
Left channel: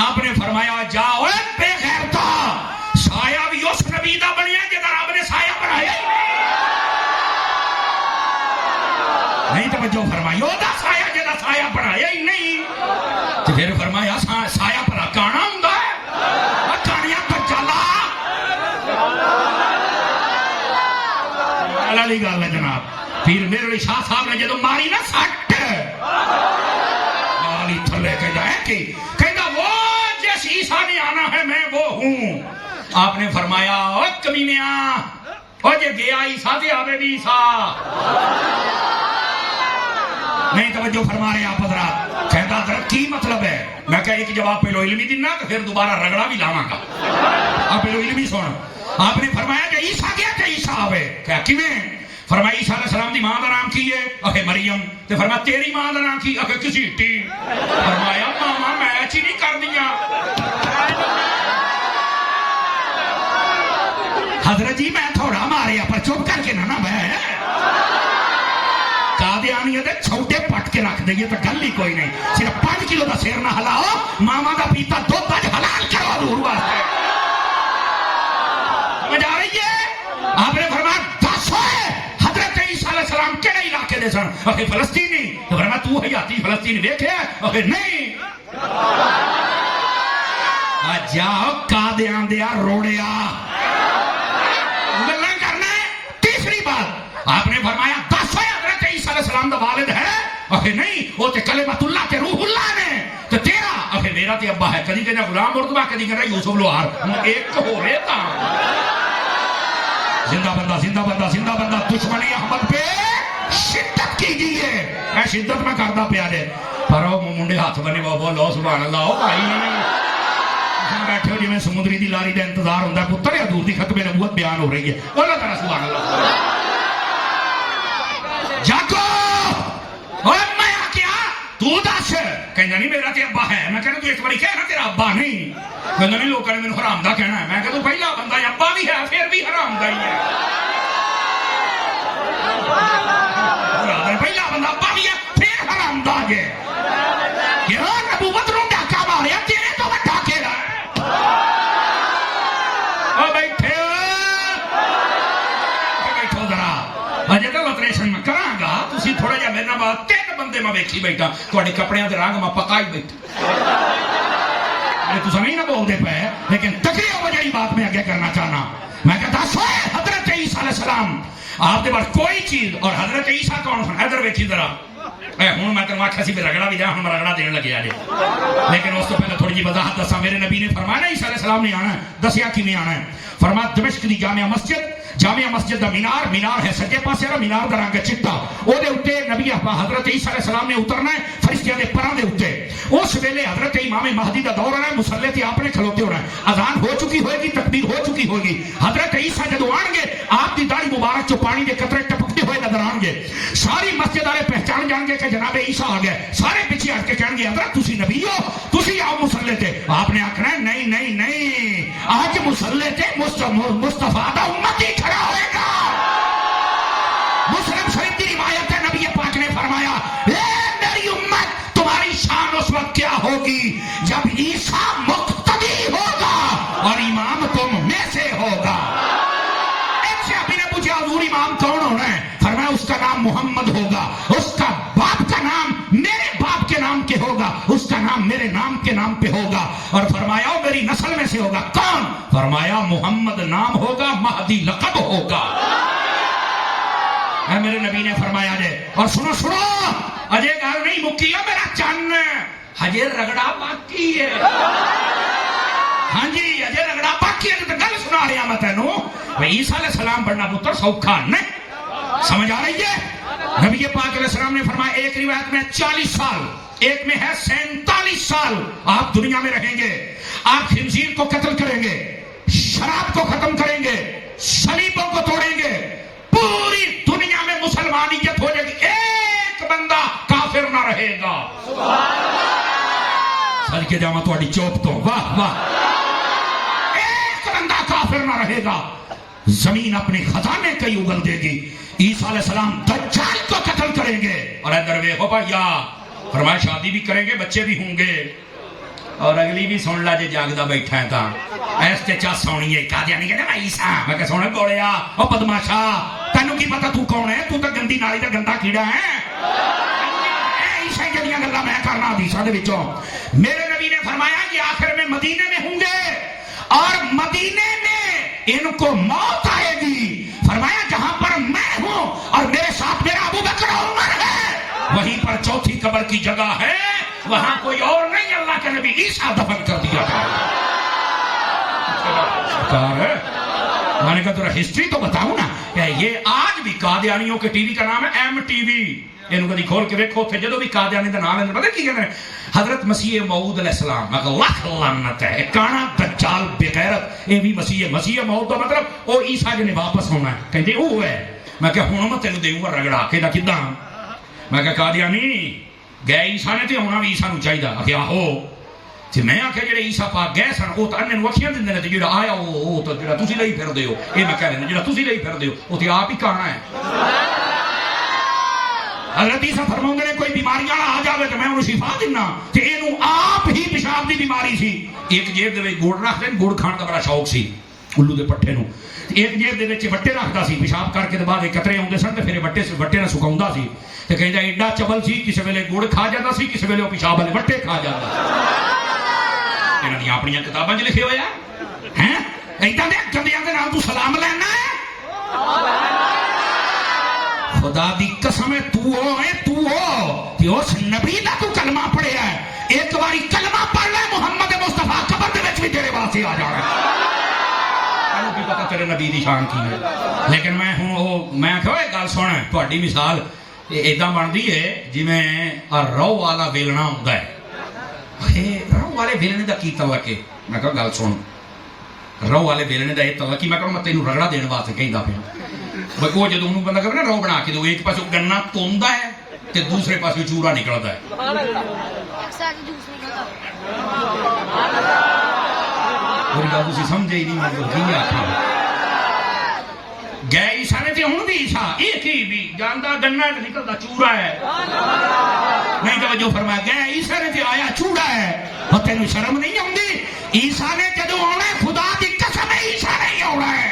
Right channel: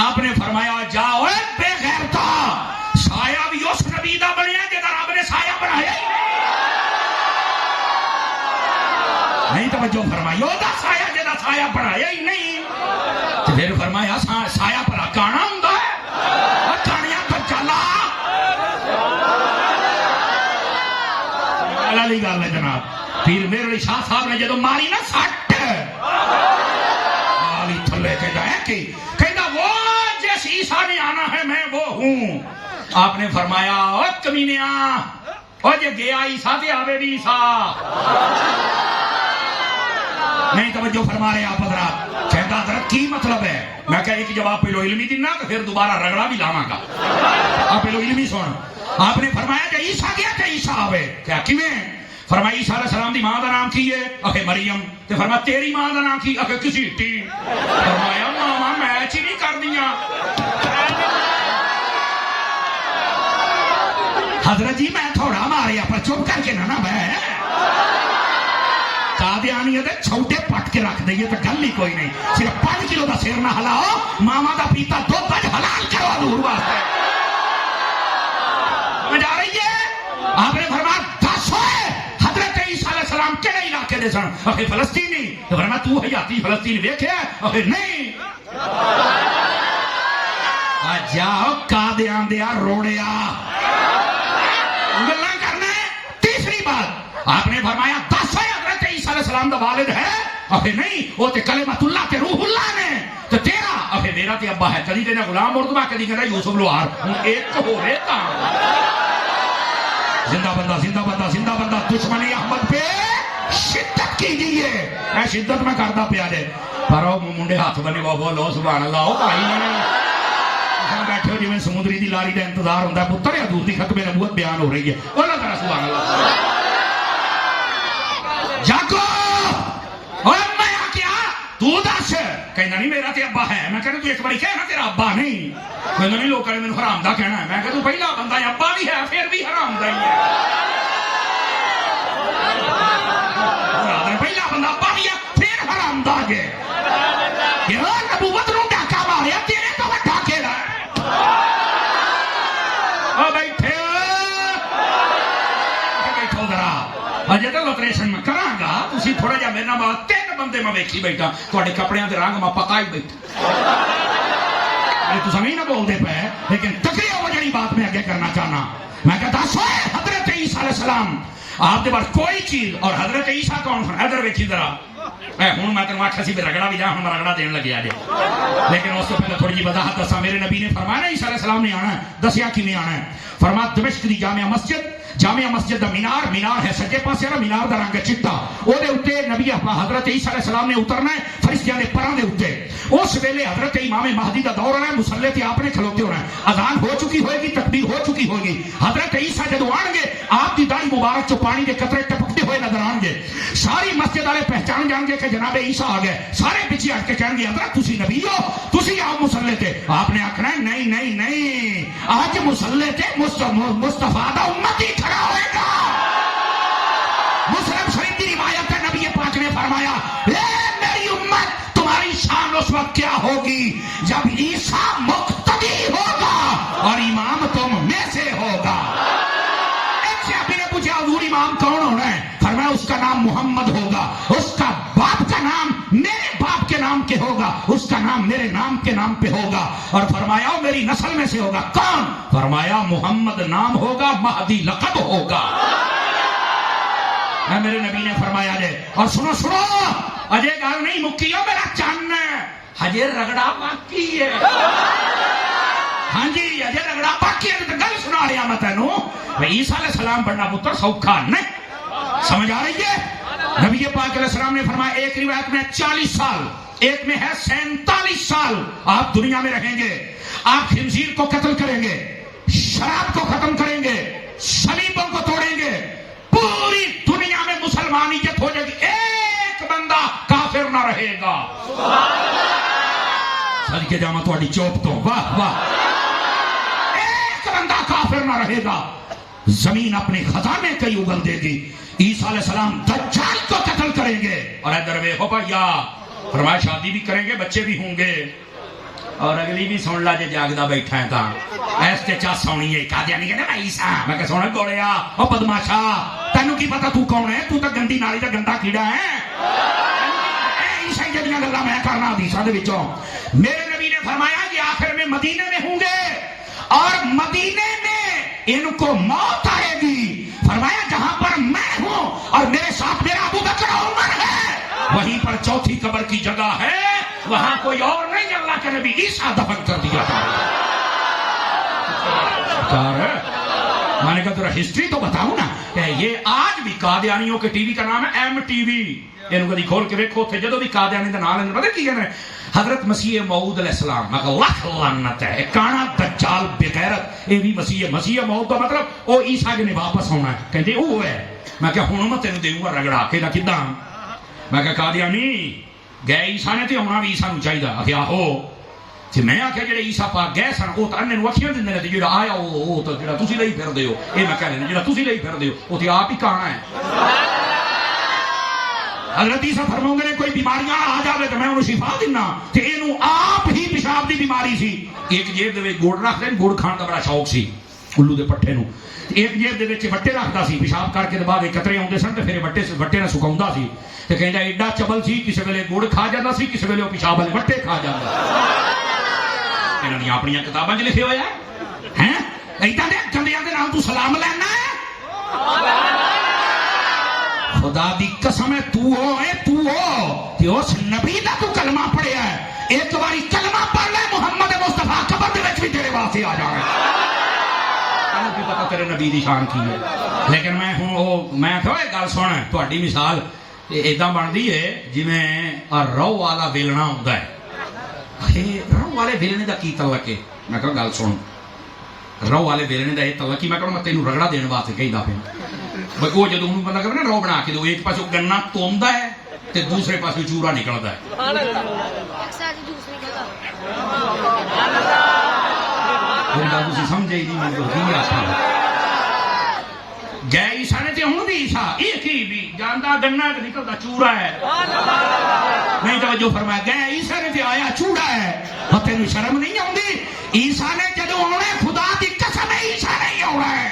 آپ نے فرمایا جا اوے بے غیرتا سایہ بھی اس نبی دا بنیا جدا رب نے سایہ بنایا ہی نہیں توجہ فرمائی وہ سایہ جدا سایہ بنایا ہی نہیں تو پھر فرمایا سایہ پر کانا ہوں کانیا پر چلا والی گل ہے جناب پیر میرے علی شاہ صاحب نے جدو ماری نا سٹ ماری تھلے کے جائے کہ کہنا وہ جس عیسیٰ نے آنا ہے میں وہ ہوں آپ نے فرمایا او کمینیا او جے گیا عیسیٰ تے آوے بھی عیسیٰ نہیں توجہ فرما رہے آپ حضرات کہتا حضرت کی مطلب ہے میں کہا ایک جواب پہلو علمی دینا کہ پھر دوبارہ رگڑا بھی لاواں گا آپ پہلو علمی سن آپ نے فرمایا کہ عیسیٰ گیا کہ عیسیٰ آوے کہا کیویں فرمایا عیسیٰ علیہ السلام دی ماں دا نام کی ہے اکھے مریم تے فرمایا تیری ماں دا نام کی اکھے کسی ٹی فرمایا ماما میچ ہی نہیں کر دیا حضرت جی میں تھوڑا ماریا پر چپ کر کے نہ بہ قادیانی ہے چھوٹے پٹ کے رکھ دئیے تو گل ہی کوئی نہیں صرف 5 کلو کا سیر نہ ہلاؤ ماما کا پیتا 2 گج حلال کرو حضور واسطے سمجھ آ رہی ہے آپ نے فرمایا 10 حضرت عیسیٰ علیہ السلام کہڑے علاقے دے سن اکھے فلسطینی تو فرمایا تو حیاتی فلسطین دیکھے اکھے نہیں جاؤ قادیان دیا روڑیا گلاں کرنے تیسری بات آپ نے فرمایا السلام دا والد ہے اکھے نہیں وہ تے کلمۃ اللہ تے روح اللہ نے تے تیرا اکھے میرا تے ابا ہے کدی کہنا غلام مرتضیٰ کدی کہنا یوسف لوہار ہن ایک ہو رہے تا زندہ بندہ زندہ بندہ زندہ بندہ دشمنی احمد پہ شدت کیجیے میں شدت میں کردا پیا جے پر او منڈے ہاتھ بنے بابا اللہ سبحان اللہ او بھائی بیٹھے ہو جی میں سمندری دی لاری دا انتظار ہوندا پتر حضور دی ختم نبوت بیان ہو رہی ہے اللہ تعالی سبحان اللہ جاگو اور میں کیا تو دس کہنا نہیں میرا تے ابا ہے میں کہنا تو ایک باری کہنا تیرا ابا نہیں میں نہیں لوگ کہنے میں حرام دا کہنا ہے میں کہ تو پہلا بندہ ہے ابا بھی ہے پھر بھی حرام دا ہی ہے پہلا بندہ ابا بھی ہے پھر حرام دا ہے یہ نبوت رو ڈاکہ مارے تیرے تو کہ ڈاکے دا او بیٹھے بیٹھو ذرا اجے تو آپریشن میں کراں گا تسی تھوڑا جہا میرے نال 3 بندے میں ویکھی بیٹھا تواڈے کپڑیاں دے رنگ میں پکا ہی بیٹھا تساں نہیں نہ بولدے پے لیکن تقریر وجہی بات میں آگے کرنا چاہنا میں کہتا سوئے حضرت عیسیٰ علیہ السلام آپ کے پاس کوئی چیز اور حضرت عیسیٰ کون سن ادھر ویکھی ذرا ہوں میں تمہیں آخیا سی بھی رگڑا بھی جا ہوں رگڑا دین لگے آجے لیکن اس کو پہلے تھوڑی جی وضاحت دسا میرے نبی نے فرمایا عیسیٰ علیہ السلام نے آنا ہے دسیا کیویں آنا ہے فرمایا دمشق دی جامع مسجد دا مینار ہے سجے پاسے والا مینار دا رنگ چٹا او دے اوتے نبی حضرت عیسیٰ علیہ السلام نے اترنا ہے فرشتیاں دے پراں دے اوتے اس ویلے حضرت امام مہدی دا دور آنا ہے مصلی تے آپ نے کھلوتے ہونا ہے اذان ہو چکی ہوئے گی تکبیر ہو چکی ہوگی حضرت عیسیٰ جدو آن گے آپ دی داڑھی مبارک چ پانی دے قطرے ٹپکتے ہوئے نظر آن گے ساری مسجد والے پہچان جان گے کہ جناب عیسیٰ آ گئے سارے پیچھے ہٹ کے کہیں گے حضرت تسی نبی ہو تسی آؤ مصلی تے آپ نے آخنا ہے نہیں نہیں نہیں حضرت مصلی تے مصطفیٰ دا امتی کھڑا ہوئے گا مسلم شریف کی روایت ہے نبی پاک نے فرمایا اے میری امت تمہاری شان اس وقت کیا ہوگی جب عیسیٰ مقتدی ہوگا اور امام تم میں سے ہوگا ایک سے اپنے نے پوچھا حضور امام کون ہونا ہے فرمایا اس کا نام محمد ہوگا اس کا باپ کا نام میرے باپ کے نام کے ہوگا اس کا کا نام میرے نام کے نام پہ ہوگا، اور فرمایا میری نسل میں سے ہوگا، کون؟ فرمایا محمد نام ہوگا، مہدی لقب ہوگا۔ میرے نبی نے فرمایا جے، اور سنو سنو اجے گل نہیں مکی ہو میرا چان، ہجے رگڑا باقی ہے۔ ہاں جی اجے رگڑا باقی ہے، گل سنا رہا میں تینوں، عیسیٰ علیہ السلام بننا پتر سوکھا نہیں، سمجھ آ رہی ہے؟ نبی پاک علیہ السلام نے فرمایا ایک روایت میں 40 سال، ایک میں ہے 47 سال آپ دنیا میں رہیں گے، آپ خنزیر کو قتل کریں گے، شراب کو ختم کریں گے، صلیبوں کو توڑیں گے، پوری دنیا میں مسلمانیت ہو جائے گی، ایک بندہ کافر نہ رہے گا۔ سر کے جامع تھوڑی چوپ تو واہ واہ، ایک بندہ کافر نہ رہے گا، زمین اپنے خزانے کئی اگل دے گی، عیسیٰ علیہ السلام دجال کو قتل کریں گے، اور ادھر دیکھو بھیا فرمایا شادی بھی کریں گے، بچے بھی ہوں گے، اور اگلی بھی سن لا جے جاگدا بیٹھا ہے تا ایسے چا سونی ہے قادیانی کہتے میں عیسیٰ، میں کہ سونا گوڑیا او بدماشا تینوں کی پتا تو کون ہے، تو گندی نالی دا گندا کیڑا ہے، عیسائی جڑیاں گلاں میں کرنا حدیثاں دے وچوں۔ میرے نبی نے فرمایا یہ آخر میں مدینے میں ہوں گے، اور مدینے میں ان کو موت آئے گی، فرمایا جہاں پر میں ہوں اور میرے ساتھ میرا ابو بکر عمر ہے، وہیں پر چوتھی قبر کی جگہ ہے، وہاں کوئی اور نہیں، اللہ کے نبی عیسیٰ دفن کر دیا ہے۔ میں نے کہا ذرا ہسٹری تو بتاؤں نا، کہ یہ آج بھی قادیانیوں کے ٹی وی کا نام ہے ایم ٹی وی، یہ کبھی کھول کے دیکھو تھے جدو بھی قادیانی کا نام ہے پتہ کی کہتے ہیں حضرت مسیح موعود علیہ السلام، میں کہا لاکھ لعنت ہے، کانا دجال بغیرت، یہ بھی مسیح موعود کا مطلب وہ عیسیٰ جی نے واپس ہونا ہے، کہتے وہ ہے۔ میں کہا ہوں میں تینوں دیوں گا رگڑا کہ کداں، میں کہا قادیانی گئے عیسیٰ نے تے ہونا بھی عیسیٰ نو چاہیے، آخیا ہو تے میں آخیا جڑے عیسیٰ پاک گئے سن وہ تو انہیں نو اکھیاں دیندے نے تے جڑا آیا وہ تو جڑا تسی لئی پھردے ہو، یہ میں کہہ رہے جڑا تسی لئی پھردے ہو وہ تے آپ ہی کہاں ہے۔ حضرت عیسیٰ فرماندے نے کوئی بیماریاں آ جاوے تے میں انہوں شفا دینا، تے اینو آپ ہی پیشاب دی بیماری سی، ایک جیب دے وچ گڑ رکھ دے، گڑ کھان دا بڑا شوق سی الو دے پٹھے نو، ایک جیب دے وچ وٹے رکھدا سی، پیشاب کر کے بعد قطرے آوندے سن تے پھر وٹے نال سکاوندا سی، تے کہندا ایڈا چبل سی کسے ویلے گڑ کھا جاندا سی، کسے ویلے پیشاب والے وٹے کھا جاندا۔ انہاں نے اپنی کتاباں وچ لکھے ہوئے ہیں ایڈا دے گندیاں دے نام تو سلام لینا ہے، خدا دی قسم ہے تو ہو کہ اس نبی دا تو کلمہ پڑھیا ہے، ایک باری کلمہ پڑھ لے محمد مصطفیٰ قبر دے وچ بھی تیرے واسطے آ جانا ہے، تینوں کی پتہ تیرے نبی دی شان کی ہے۔ لیکن میں ہوں میں کہ گل سن تہاڈی مثال ایداں بنتی ہے جویں رو والا ویلنا ہوندا ہے، رو والے ویلنے دا کی تعلق ہے؟ میں کہا گل سن رو والے ویلنے دا یہ تعلق ہے، میں کہا میں تینوں رگڑا دین واسطے کہندا پیا، وہ جدوں بندہ کہ رو بنا کے دو ایک پاسے گنا توندا ہے تے دوسرے پاسے چورا نکلدا ہے، کوئی گل تسی سمجھے ہی نہیں گئے عیسیٰ نے تے ہوں بھی عیسیٰ ایک ہی بھی جاندا گنا تے نکلدا چورا ہے، نہیں توجہ فرمایا گئے عیسیٰ نے تے آیا چورا ہے، اور تینوں شرم نہیں آندی؟ عیسیٰ نے جدوں آنا ہے خدا دی قسم ہے عیسیٰ نے ہی آنا ہے،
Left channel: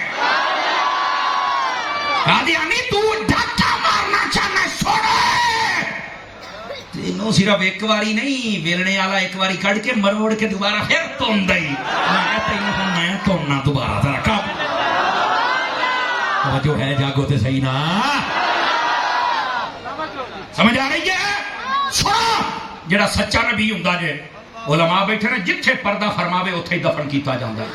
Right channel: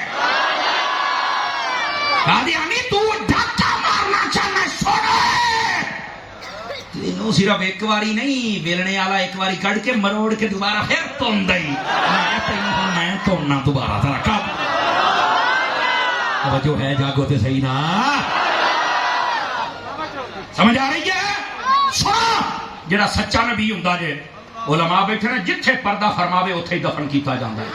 قادیانی تو ڈاکا مارنا چاہنا سونا ہے، تینوں صرف ایک واری نہیں ویلنے والا ایک واری کڑ کے مروڑ کے دوبارہ پھر توندا ہی، میں تونا دوبارہ تھا رکھا جو ہے جاگو تے صحیح نا، سمجھ آ رہی ہے؟ سنا جڑا سچا نبی ہوندا جے علماء بیٹھے نے جتھے پردہ فرماوے اوتھے ہی دفن کیتا جاندا ہے۔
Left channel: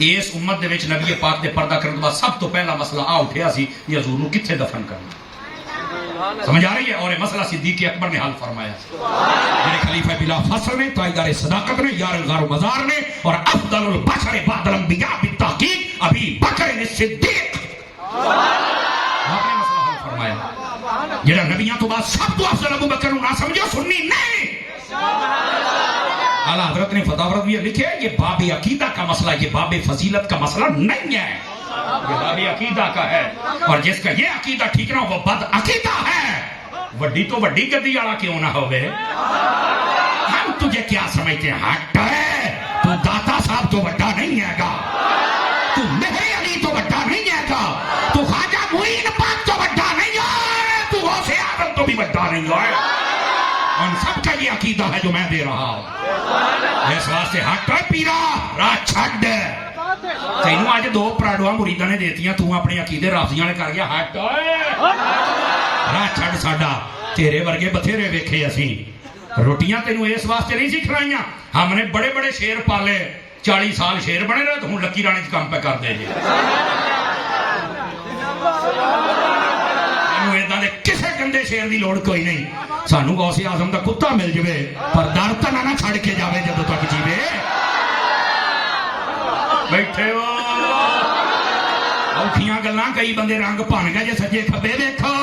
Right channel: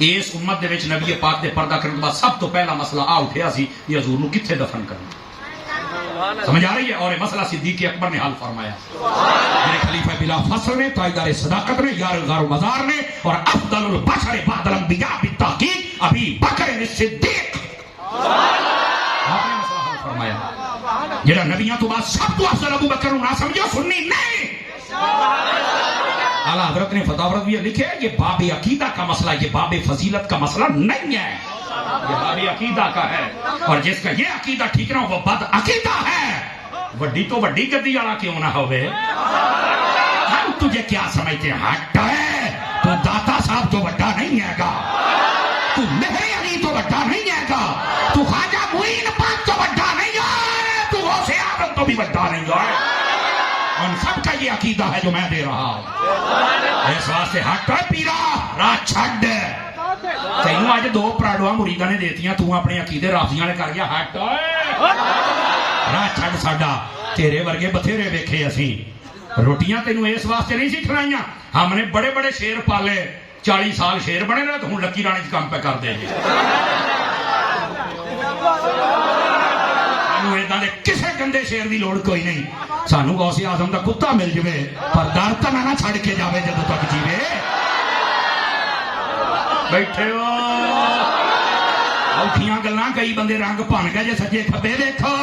اس امت دے وچ نبی پاک دے پردہ کرن دا سب تو پہلا مسئلہ آ اٹھیا سی یہ حضور نو کتھے دفن کرنا، سمجھ آ رہی ہے؟ اور یہ مسئلہ صدیق اکبر نے حل فرمایا، میرے خلیفہ بلا فصل نے، تاجدار صداقت نے، یارغار مزار نے، اور افضل البشر بعد الانبیاء بالتحقیق ابھی بکر صدیق، آپ نے مسئلہ حل فرمایا، جڑا نبیوں تو بعد سب تو افضل ابو بکر نہ سمجھو سنی نہیں، اعلیٰ حضرت نے فتاوی بھی لکھے یہ باب عقیدہ کا مسئلہ، یہ باب فضیلت کا مسئلہ نہیں ہے، یہ باب عقیدہ کا ہے، اور جس کا یہ عقیدہ ٹھیک نہ ہو وہ بد عقیدہ ہے، وڈی تو وڈی گدی والا کیوں نہ ہوئے، ہم تجھے کیا سمجھتے ہیں؟ ہٹ ہے تو داتا صاحب تو بڑا نہیں ہے گا، تو نہیں علی تو بڑا نہیں ہے گا، تو خواجہ معین پاک تو بڑا نہیں ہے، تو غوث اعظم تو بھی بڑا نہیں ہے، ان سب کا یہ عقیدہ ہے جو میں دے رہا ہوں. اس واسطے ہٹ پیرا راہ چھڈ. تینوں اج دو پراڑواں مریداں نے دیتیاں, تو اپنے عقیدے رافضیاں نے کر گیا. ہٹ راہ چھڈ ساڈا. تیرے ورگے بتھیرے ویکھے اسی. روٹیاں تینوں اس واسطے نہیں سی کھلائیاں, ہم نے بڑے بڑے شیر پالے, 40 سال شیر بنے رہے, تو ہوں لکی رانی کام پہ کر دے جی. کسی گندے شیر کی لوڑ کوئی نہیں. سانو غوث اعظم کا کتا مل جائے پر در تو نہ چھڑ کے جائے جب تک جیوے. بیٹھے ہو اوکھیاں گلاں, کئی بندے رنگ بن گئے جے سجے کھبے دیکھو.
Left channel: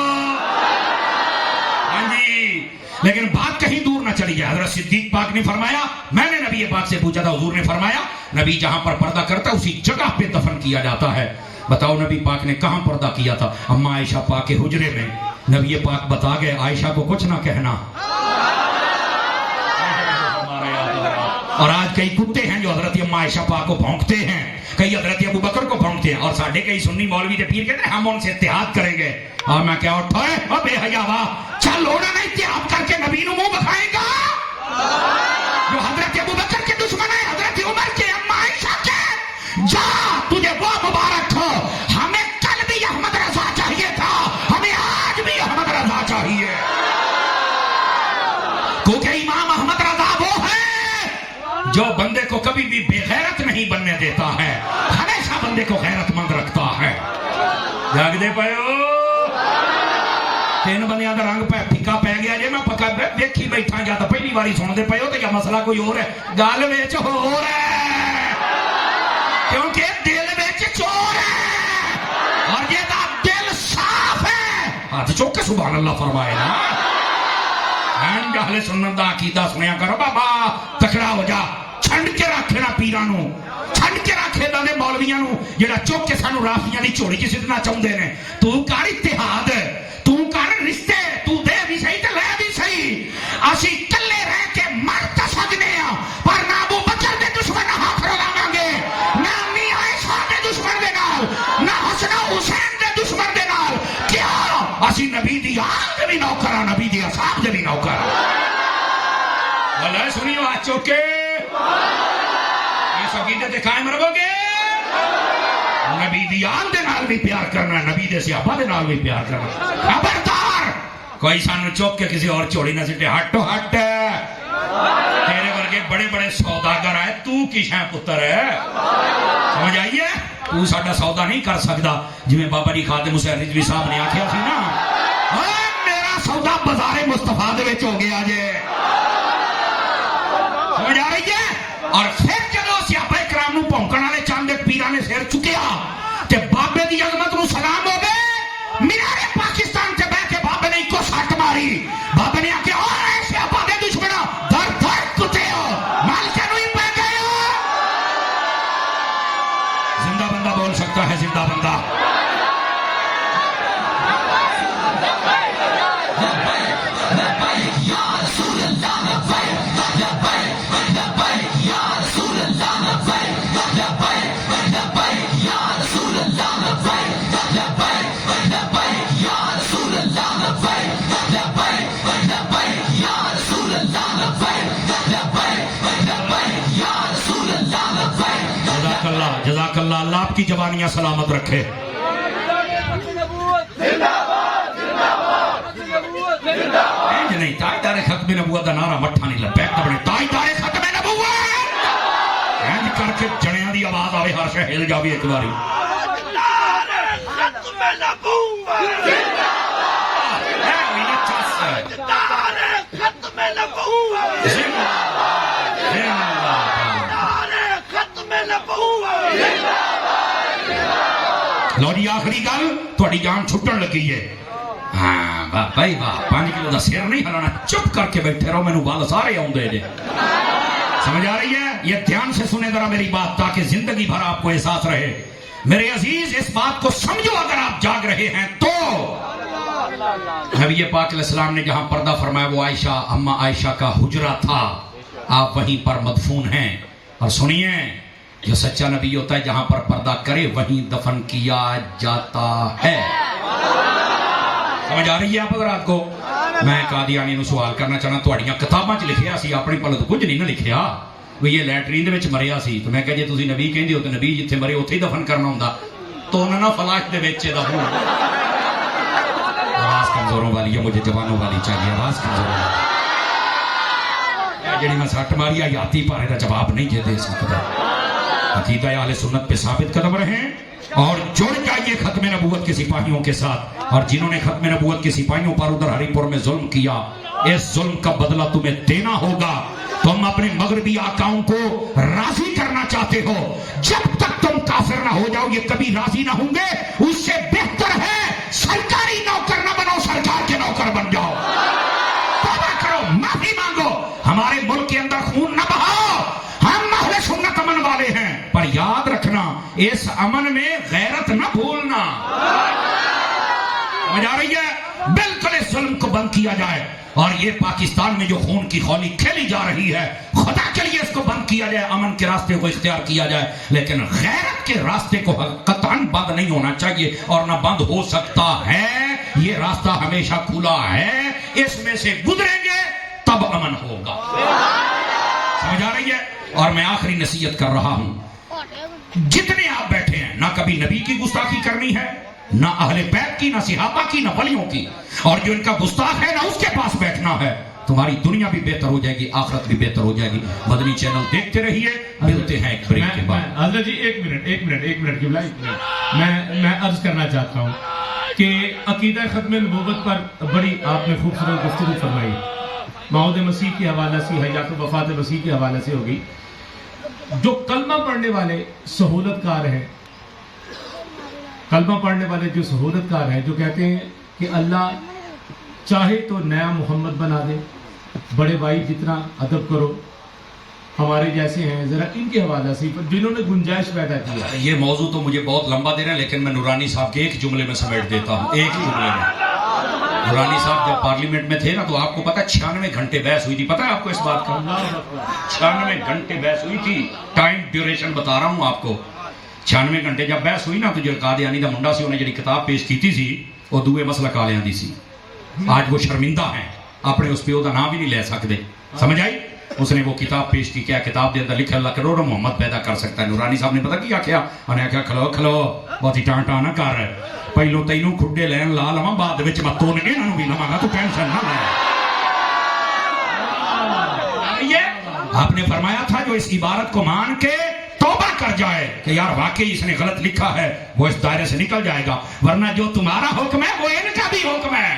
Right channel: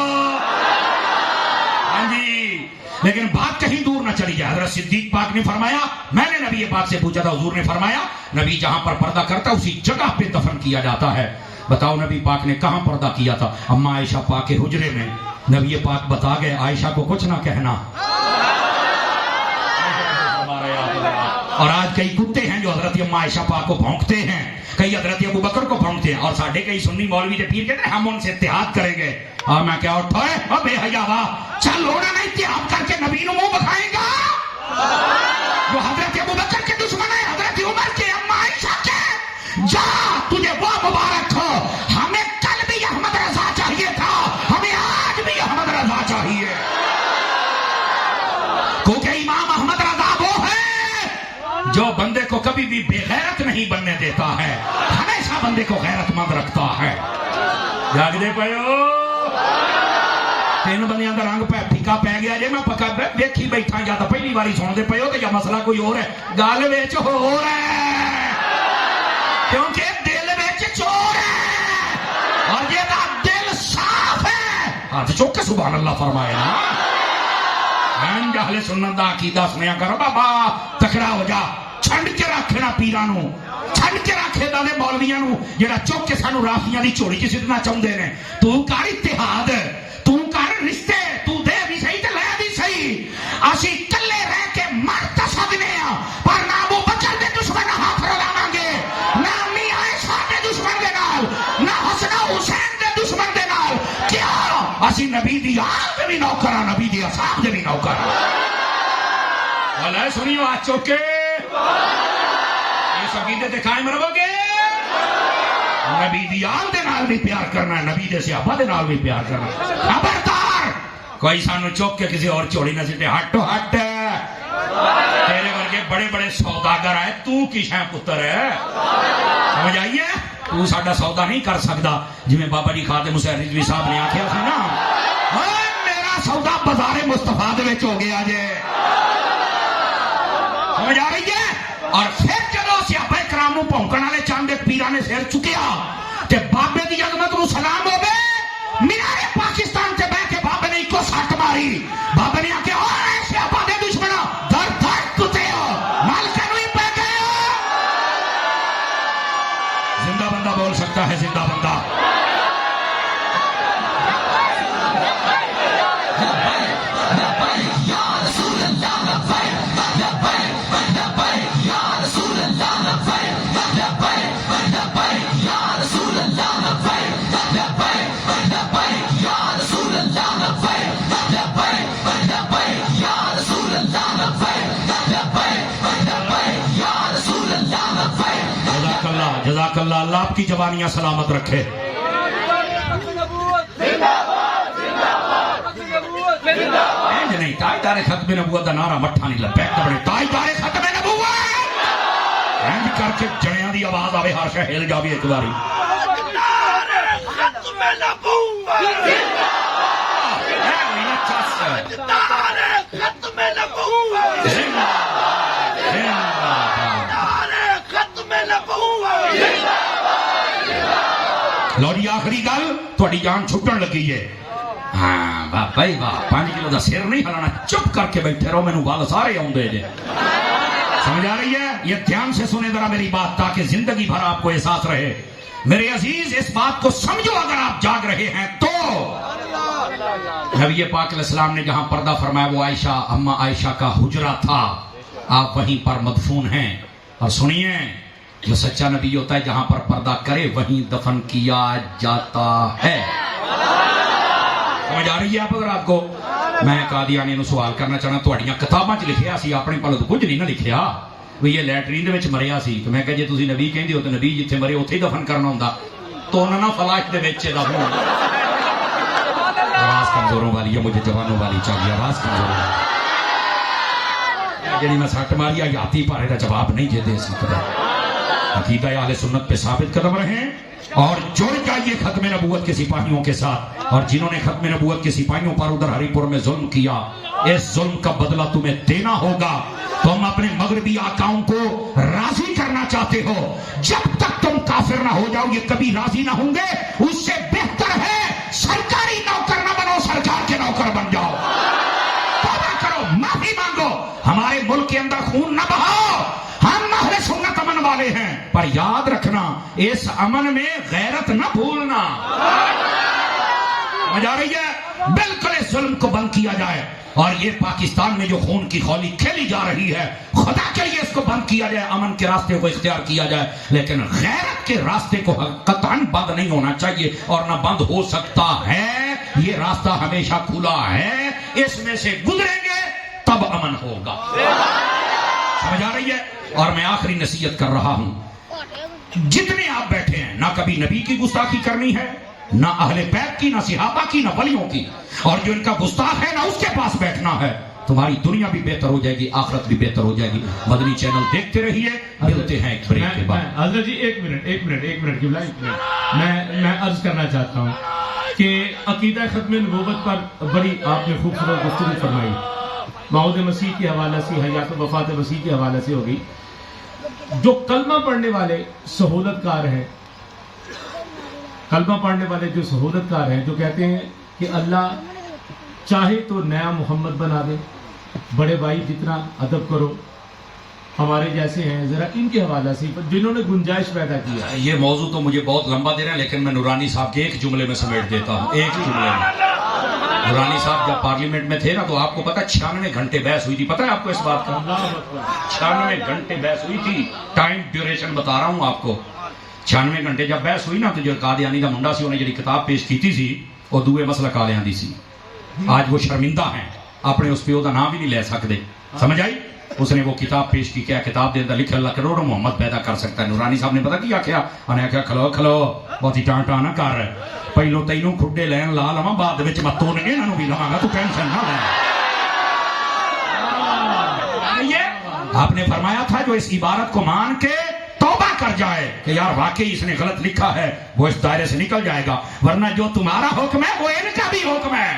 ہاں جی, لیکن بات کہیں دور نہ چلی جائے. حضرت صدیق پاک نے فرمایا, میں نے نبی پاک سے پوچھا تھا, حضور نے فرمایا نبی جہاں پر پردہ کرتا اسی جگہ پہ دفن کیا جاتا ہے. بتاؤ نبی پاک نے کہاں پردہ کیا تھا؟ اما عائشہ پاک کے حجرے میں. نبی پاک بتا گئے عائشہ کو کچھ نہ کہنا. اور آج کئی کتے ہیں جو حضرت اما عائشہ پاک کو بھونکتے ہیں, کئی حضرت ابو بکر کو بھونکتے ہیں, اور ساڈے کئی سنی مولوی کے پیر کہتے ہیں ہم ان سے اتحاد کریں گے. اور میں کیا اٹھائے بے حیا واہ, چل لوڑا نہیں اتحاد کر کے نبی نے منہ بکھائے گا. جو حضرت ابو بکر کے دشمن ہے, حضرت عمر کے, اما عائشہ کے, جا تجھے وہ مبارک ہو. ہمیں کل بھی احمد رضا چاہیے تھا, ہمیں آج بھی احمد رضا چاہیے, کیونکہ امام احمد رضا وہ ہے جو بندے کو کبھی بھی بے غیرت نہیں بننے دیتا ہے, ہمیشہ بندے کو غیرت مند رکھتا ہے. جاگ دے پاؤ تین بندیاں کا رنگ پھیکا پی گیا جی, میں پکا دیکھی بیٹھا, یا تو پہلی باری سنتے پے ہو, یا مسئلہ کوئی اور ہے. گل وچ ہو رہا ہے کیونکہ دل وچ چور ہے, اور یہ دل صاف ہے. ہاتھ چوک کے سبحان اللہ فرمائے نا. اہل سنت دا عقیدہ سنیا کرو بابا, تکڑا ہو جا. چھنڈ کے رکھے نا پیرانو, چھنڈ کے رکھے دے مولویاں نو جڑا چوک کے سانو رافضیاں دی چوڑی چ سٹنا چاہندے نے. تو کر اتحاد, تو کر رشتے, تو دے بھی صحیح تے لے بھی صحیح. اسی کلے رہ کے مر تے سکنے ہاں, پر نہ ابو بکر دے دشمن ہاتھ رلاواں گے, نہ امی عائشہ دے دشمن دے نال, نہ حسن حسین دے دشمن دے نال. کیا اسی نبی دی آل دے بھی نوکر, نبی دی اصحاب دے بھی نوکر. اللہ سنی بات چوکے اس عقیدے تے قائم رہو گے. نبی دی آل دے نال بھی پیار کرنا, نبی دے صحابہ دے نال بھی پیار کرنا. خبردار کوئی سانو چوک کے کسی اور چوڑی نہ سٹے. ہٹ ہٹ, تیرے ورگے بڑے بڑے سوداگر ہے, تو کی شے پتر ہے, سمجھ آئیے. تو ساڈا سودا نہیں کر سکتا. جی بابا جی خادم حسین رضوی صاحب نے آخیا سی نا, میرا سودا بازار مصطفیٰ دے وچ ہو گیا جے. سمجھ آ رہی ہے. اور پھر جب صحابہ کرام نوں بھونکن والے چاند پیراں نے سر چکیا تے بابے دی عظمت نوں سلام ہو گئے. مینارے پاکستان تے بیٹھ کے بابے نے ایک سٹ ماری. بابے نے آخیا اور اے صحابہ دے دشمنوں در در کتے ہو, مال کرنی پہ گئے. زندہ بندہ بول سکتا ہے, زندہ بندہ. جزاک اللہ, اللہ آپ کی جوانیاں سلامت رکھے. نہیں تاجدار ختم نبوت کا نعرہ مٹھا نہیں لگا. تاجدار ختم نبوت کر کے جنیاں دی آواز آئے, ہر شے ہل جاوے ایک باری. لو جی آخری گل, تھوڑی جان چھٹن لگی ہے. ہاں واہ بھائی واہ, 5 کلو کا سر نہیں ہلانا, چپ کر کے بیٹھے رہو, مینوں بال سارے آؤندے جے. سمجھ آ رہی ہے؟ یہ دھیان سے سنیں ذرا میری بات, تاکہ زندگی بھر آپ کو احساس رہے. میرے عزیز اس بات کو سمجھو, اگر آپ جاگ رہے ہیں تو نبی پاک علیہ السلام نے جہاں پردہ فرمایا وہ عائشہ, اما عائشہ کا حجرہ تھا, آپ وہیں پر مدفون ہیں. اور سنیے, جو سچا نبی ہوتا ہے جہاں پر پردہ کرے وہیں دفن کیا جاتا ہے. سمجھ آ رہی ہے آپ اگر آپ کو؟ میں قادیانی نو سوال کرنا چاہنا تہاڈیاں کتاباں چ لکھیا سی اپنی پلت کچھ نہیں نہ لکھیا بھی یہ لیٹرین دے وچ مریا سی تو میں کہا جی تسی نبی کہندے ہو تے نبی جتھے مرے اوتھے ہی دفن کرنا ہوندا تو انہوں نے فلاش دے وچ دفن آواز کمزوروں والی ہے مجھے جوانوں والی چاہیے آواز کمزوروں جڑی میں سٹ ماری یاتی پارے کا جواب نہیں دے سکتا عقیدہ اہل سنت پہ ثابت قدم رہیں اور جڑ جائیے ختم نبوت کے سپاہیوں کے ساتھ اور جنہوں نے ختم نبوت کے سپاہیوں پر ادھر ہری پور میں ظلم کیا اس ظلم کا بدلہ تمہیں دینا ہوگا تم اپنے مغربی آقاؤں کو راضی کرنا چاہتے ہو جب تک تم کافر نہ ہو جاؤ یہ کبھی راضی نہ ہوں گے اس سے بہتر ہے سرکاری نوکر نہ بنو سرکار کے نوکر بن جاؤ توبہ کرو معافی مانگو ہمارے ملک کے اندر خون نہ بہاؤ ہم اہل سنت امن والے ہیں پر یاد رکھنا اس امن میں غیرت نہ بھولنا سمجھ آ رہی ہے بالکل اس ظلم کو بند کیا جائے اور یہ پاکستان میں جو خون کی خولی کھیلی جا رہی ہے خدا کے لیے اس کو بند کیا جائے امن کے راستے کو اختیار کیا جائے لیکن غیرت کے راستے کو قطعاً بند نہیں ہونا چاہیے اور نہ بند ہو سکتا ہے یہ راستہ ہمیشہ کھلا ہے اس میں سے گزریں گے تب امن ہوگا سمجھ آ رہی ہے اور میں آخری نصیحت کر رہا ہوں جتنے آپ بیٹھے ہیں نہ کبھی نبی کی گستاخی کرنی ہے نہ اہل بیت کی نہ صحابہ کی نہ ولیوں کی اور جو ان کا گستاخ ہے نہ اس کے پاس بیٹھنا ہے تمہاری دنیا بھی بہتر ہو جائے گی آخرت بھی بہتر ہو جائے گی مدنی چینل دیکھتے رہیے ملتے ہیں ایک بریک کے بعد حضرت جی ایک منٹ میں عرض کرنا چاہتا ہوں کہ عقیدہ ختم نبوت پر بڑی آپ نے خوبصورت گفتگو فرمائی موعود مسیح کے حوالے سے حیات وفات مسیح کے حوالے سے ہوگی جو کلمہ پڑھنے والے سہولت کار ہیں کلمہ پڑھنے والے جو سہولت کار ہیں جو کہتے ہیں کہ اللہ چاہے تو نیا محمد بنا دے بڑے بھائی جتنا ادب کرو ہمارے جیسے ہیں ذرا ان کے حوالے سے جنہوں نے گنجائش پیدا کیا یہ موضوع تو مجھے بہت لمبا دے رہا ہے لیکن میں نورانی صاحب کے ایک جملے میں سمیٹ دیتا ہوں ایک جملے میں نورانی صاحب جب پارلیمنٹ میں تھے نا تو آپ کو پتا 96 گھنٹے بحث ہوئی تھی پتا ہے آپ کو اس بات کا 96 گھنٹے بحث ہوئی تھی ٹائم ڈیوریشن بتا رہا ہوں آپ کو 96 گھنٹے جب بحث ہوئی نا تو جو قادیانی دا منڈا سی انہیں جڑی کتاب پیش کی سی وہ دوے مسلک والیاں دی سی آج وہ شرمندہ ہیں اپنے اس پیو کا نام بھی نہیں لے سکتے سمجھ آئی اس نے وہ کتاب پیش کی کیا کتاب دے اندر لکھا اللہ کروڑوں محمد پیدا کر سکتا ہے نورانی صاحب نے پتا کیا کیا انہیں آخیا کھلو کھلو بہت ہی ٹان ٹان نہ کر پہلو تینوں کھڈے لین لا لواں بعد وچ میں تون گے انہوں بھی لواں گا تو ٹینشن نہ لے آپ نے فرمایا تھا جو اس عبارت کو مان کے توبہ کر جائے کہ یار واقعی اس نے غلط لکھا ہے وہ اس دائرے سے نکل جائے گا ورنہ جو تمہارا حکم ہے وہ ان کا بھی حکم ہے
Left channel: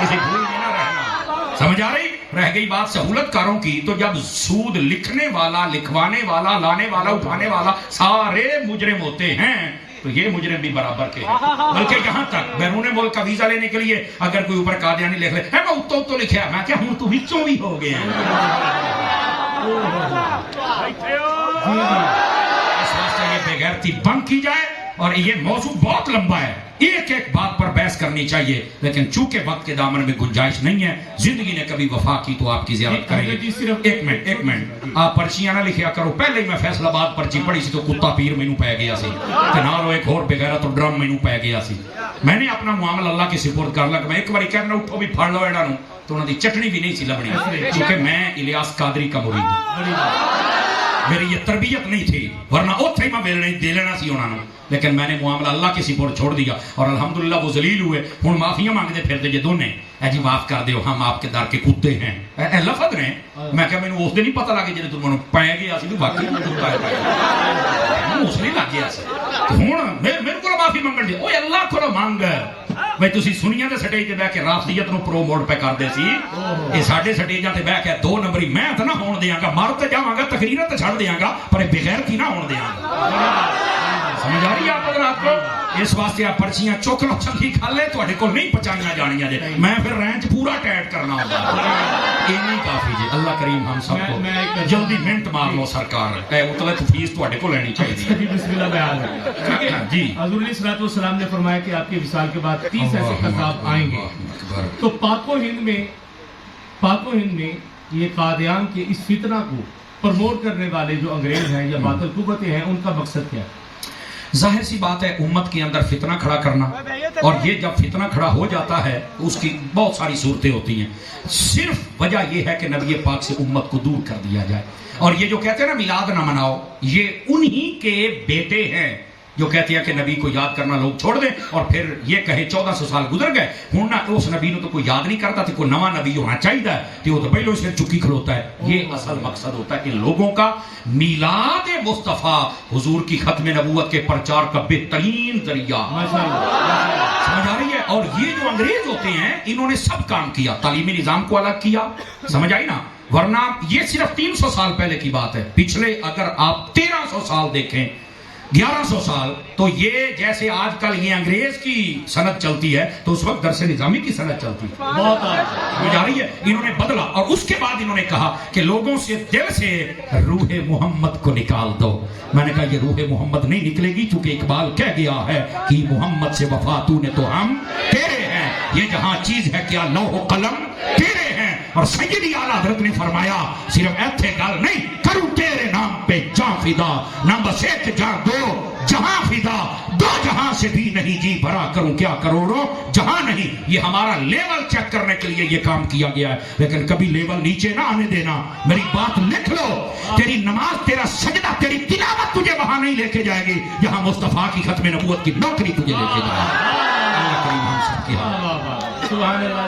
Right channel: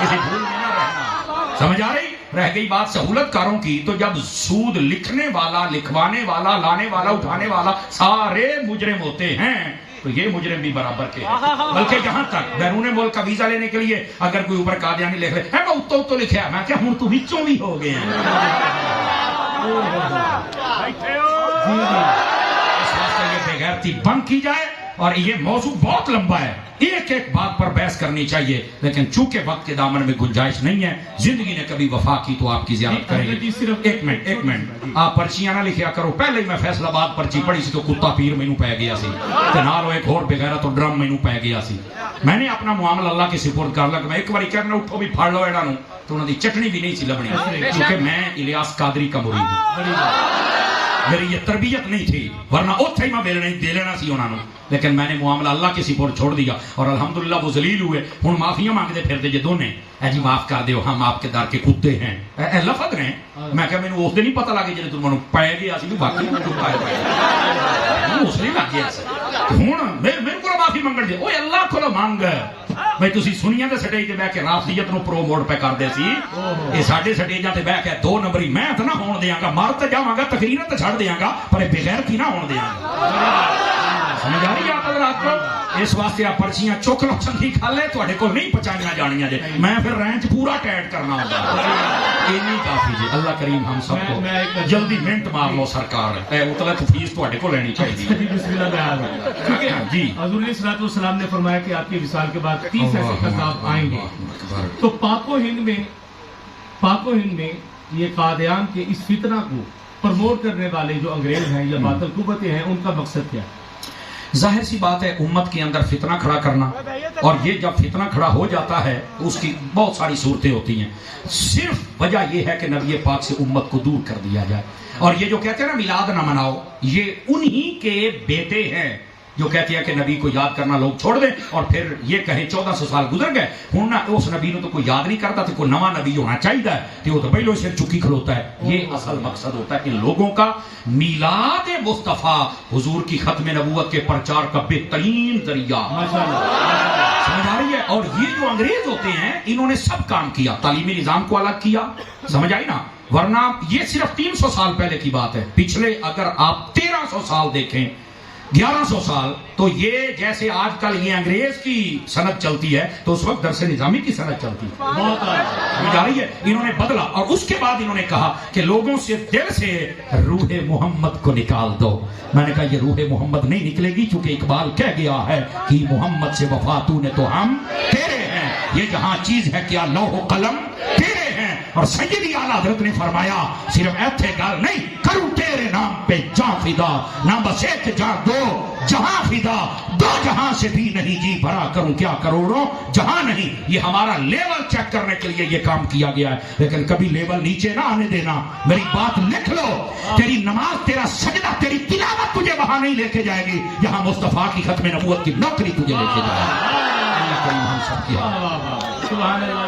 کسی بھول میں نہ رہنا سمجھ آ رہی رہ گئی بات سہولت کاروں کی تو جب سود لکھنے والا لکھوانے والا لانے والا اٹھانے والا سارے مجرم ہوتے ہیں تو یہ مجرم بھی برابر کے ہیں بلکہ یہاں تک بیرون ملک کا ویزا لینے کے لیے اگر کوئی اوپر قادیانی لکھ لے ہے میں اتو تو لکھا میں کہ ہوں تو ہچوں بھی ہو گئے ہیں بغیرتی بند کی جائے اور یہ موضوع بہت لمبا ہے ایک ایک بات پر بحث کرنی چاہیے لیکن چونکہ وقت کے دامن میں گنجائش نہیں ہے زندگی نے کبھی وفا کی تو آپ کی زیارت کریں گے ایک منٹ آپ پرچیاں نہ لکھیا کرو پہلے ہی میں فیصلہ باد پرچی پڑھی سی تو کتا پیر مینوں پی گیا سی تے نال ایک اور بغیرت تو ڈرم مینوں پی گیا سی میں نے اپنا معاملہ اللہ کے سپرد کر لیا کہ میں ایک بار کہنا اٹھو بھی پھڑ لو انہاں نو تو انہاں دی چٹنی بھی نہیں سی لبنی کیونکہ میں الیاس قادری کا مرید ہوں میری یہ تربیت نہیں تھی ورنہ اوتھے ہی میں دے لینا سی انہوں نے لیکن میں نے معاملہ اللہ کے سپرد چھوڑ دیا اور الحمدللہ وہ ذلیل ہوئے ہن معافیاں مانگتے پھرتے جے دونے اے جی معاف کر دیو ہم آپ کے در کے کتے ہیں اے لفظ نے میں کہ مینوں اس دن نہیں پتہ لگے جے تمہیں پے گیا سی باقی اس نے لگ گیا سی ہن میرے کو معافی منگن دے اوے اللہ کو مانگ بھائی تسی سنیاں دے سٹیج تے بیٹھ کے رافضیت نو پروموٹ پہ کردے سی اے ساڈے سٹیجاں تے بیٹھ کے دو نمبری میں تے نہ ہون دیاں گا مر تے جاواں گا تقریر تے چھڑ دیاں گا پر بغیرتی نہ ہون دیاں گا سمجھ آ رہی ہے آپ کو اس واسطے آپ پرچیاں چوک لو چنگی کھا لے تواڈے کول نہیں پہچانیاں جانیاں جے میں پھر رینچ پورا ٹائٹ کرنا ہوگا اینی کافی جی اللہ کریم ہم سب کو جلدی منٹ مار لو سرکار اے مطلب فیس تواڈے کول لینی چاہیے جی بسم اللہ بیان جی حضور علیہ الصلوۃ والسلام نے فرمایا کہ آپ کے وصال کے بعد 30 ایسے خطاب آئیں گے تو پاک و ہند میں یہ قادیان کے اس فتنہ کو پرموٹ کرنے والے جو انگریز ہیں یا باطل قوتیں ہیں ان کا مقصد کیا ہے ظاہر سی بات ہے امت کے اندر فتنہ کھڑا کرنا، اور یہ جب فتنہ کھڑا ہو جاتا ہے تو اس کی بہت ساری صورتیں ہوتی ہیں. صرف وجہ یہ ہے کہ نبی پاک سے امت کو دور کر دیا جائے. اور یہ جو کہتے ہیں نا میلاد نہ مناؤ، یہ انہی کے بیٹے ہیں جو کہتے ہیں کہ نبی کو یاد کرنا لوگ چھوڑ دیں، اور پھر یہ کہیں 1400 سال گزر گئے ہوں نہ اس نبی نے تو کوئی یاد نہیں کرتا، تو کوئی نواں نبی ہونا چاہیے کہ وہ تو پہلے سے چکی کھلوتا ہے. یہ اصل مقصد ہوتا ہے ان لوگوں کا. میلاد مصطفیٰ حضور کی ختم نبوت کے پرچار کا بہترین ذریعہ. سمجھ آ رہی ہے؟ اور یہ جو انگریز ہوتے ہیں انہوں نے سب کام کیا، تعلیمی نظام کو الگ کیا، سمجھ آئی نا؟ ورنہ یہ صرف 300 سال پہلے کی بات ہے. پچھلے اگر آپ 1300 سال دیکھیں، 1100 سال، تو یہ جیسے آج کل یہ انگریز کی صنعت چلتی ہے تو اس وقت درس نظامی کی صنعت چلتی ہے. جا رہی ہے؟ انہوں نے بدلا، اور اس کے بعد انہوں نے کہا کہ لوگوں سے دل سے روح محمد کو نکال دو. میں نے کہا یہ روح محمد نہیں نکلے گی، چونکہ اقبال کہہ گیا ہے کہ محمد سے وفا تو نے تو ہم تیرے ہیں، یہ جہاں چیز ہے کیا لوح و قلم تیرے ہیں. اور سیدی اعلیٰ حضرت نے فرمایا صرف ایتھے گل نہیں کروں تیرے نام پہ جاں فدا، نہ بس ایک جاں دو جہاں فدا، دو جہاں سے بھی نہیں جی بھرا کروں کیا کروڑوں جہاں نہیں. یہ ہمارا لیول چیک کرنے کے لیے یہ کام کیا گیا ہے، لیکن کبھی لیول نیچے نہ آنے دینا. میری بات لکھ لو، تیری نماز، تیرا سجدہ، تیری تلاوت تجھے وہاں نہیں لے کے جائے گی جہاں مصطفیٰ کی ختم نبوت کی نوکری تجھے لے کے جائے گی. اللہ کریم ہم سب کی حالت. سبحان اللہ.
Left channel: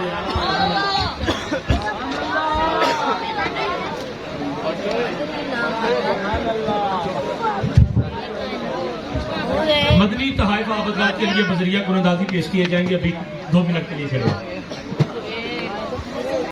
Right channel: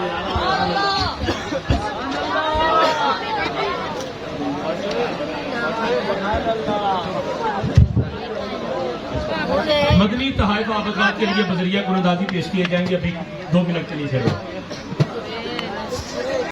مدنی تحائف آبادات کے لیے بذریعہ قرآن پیش کیے جائیں گے. ابھی 2 منٹ کے لیے چلے.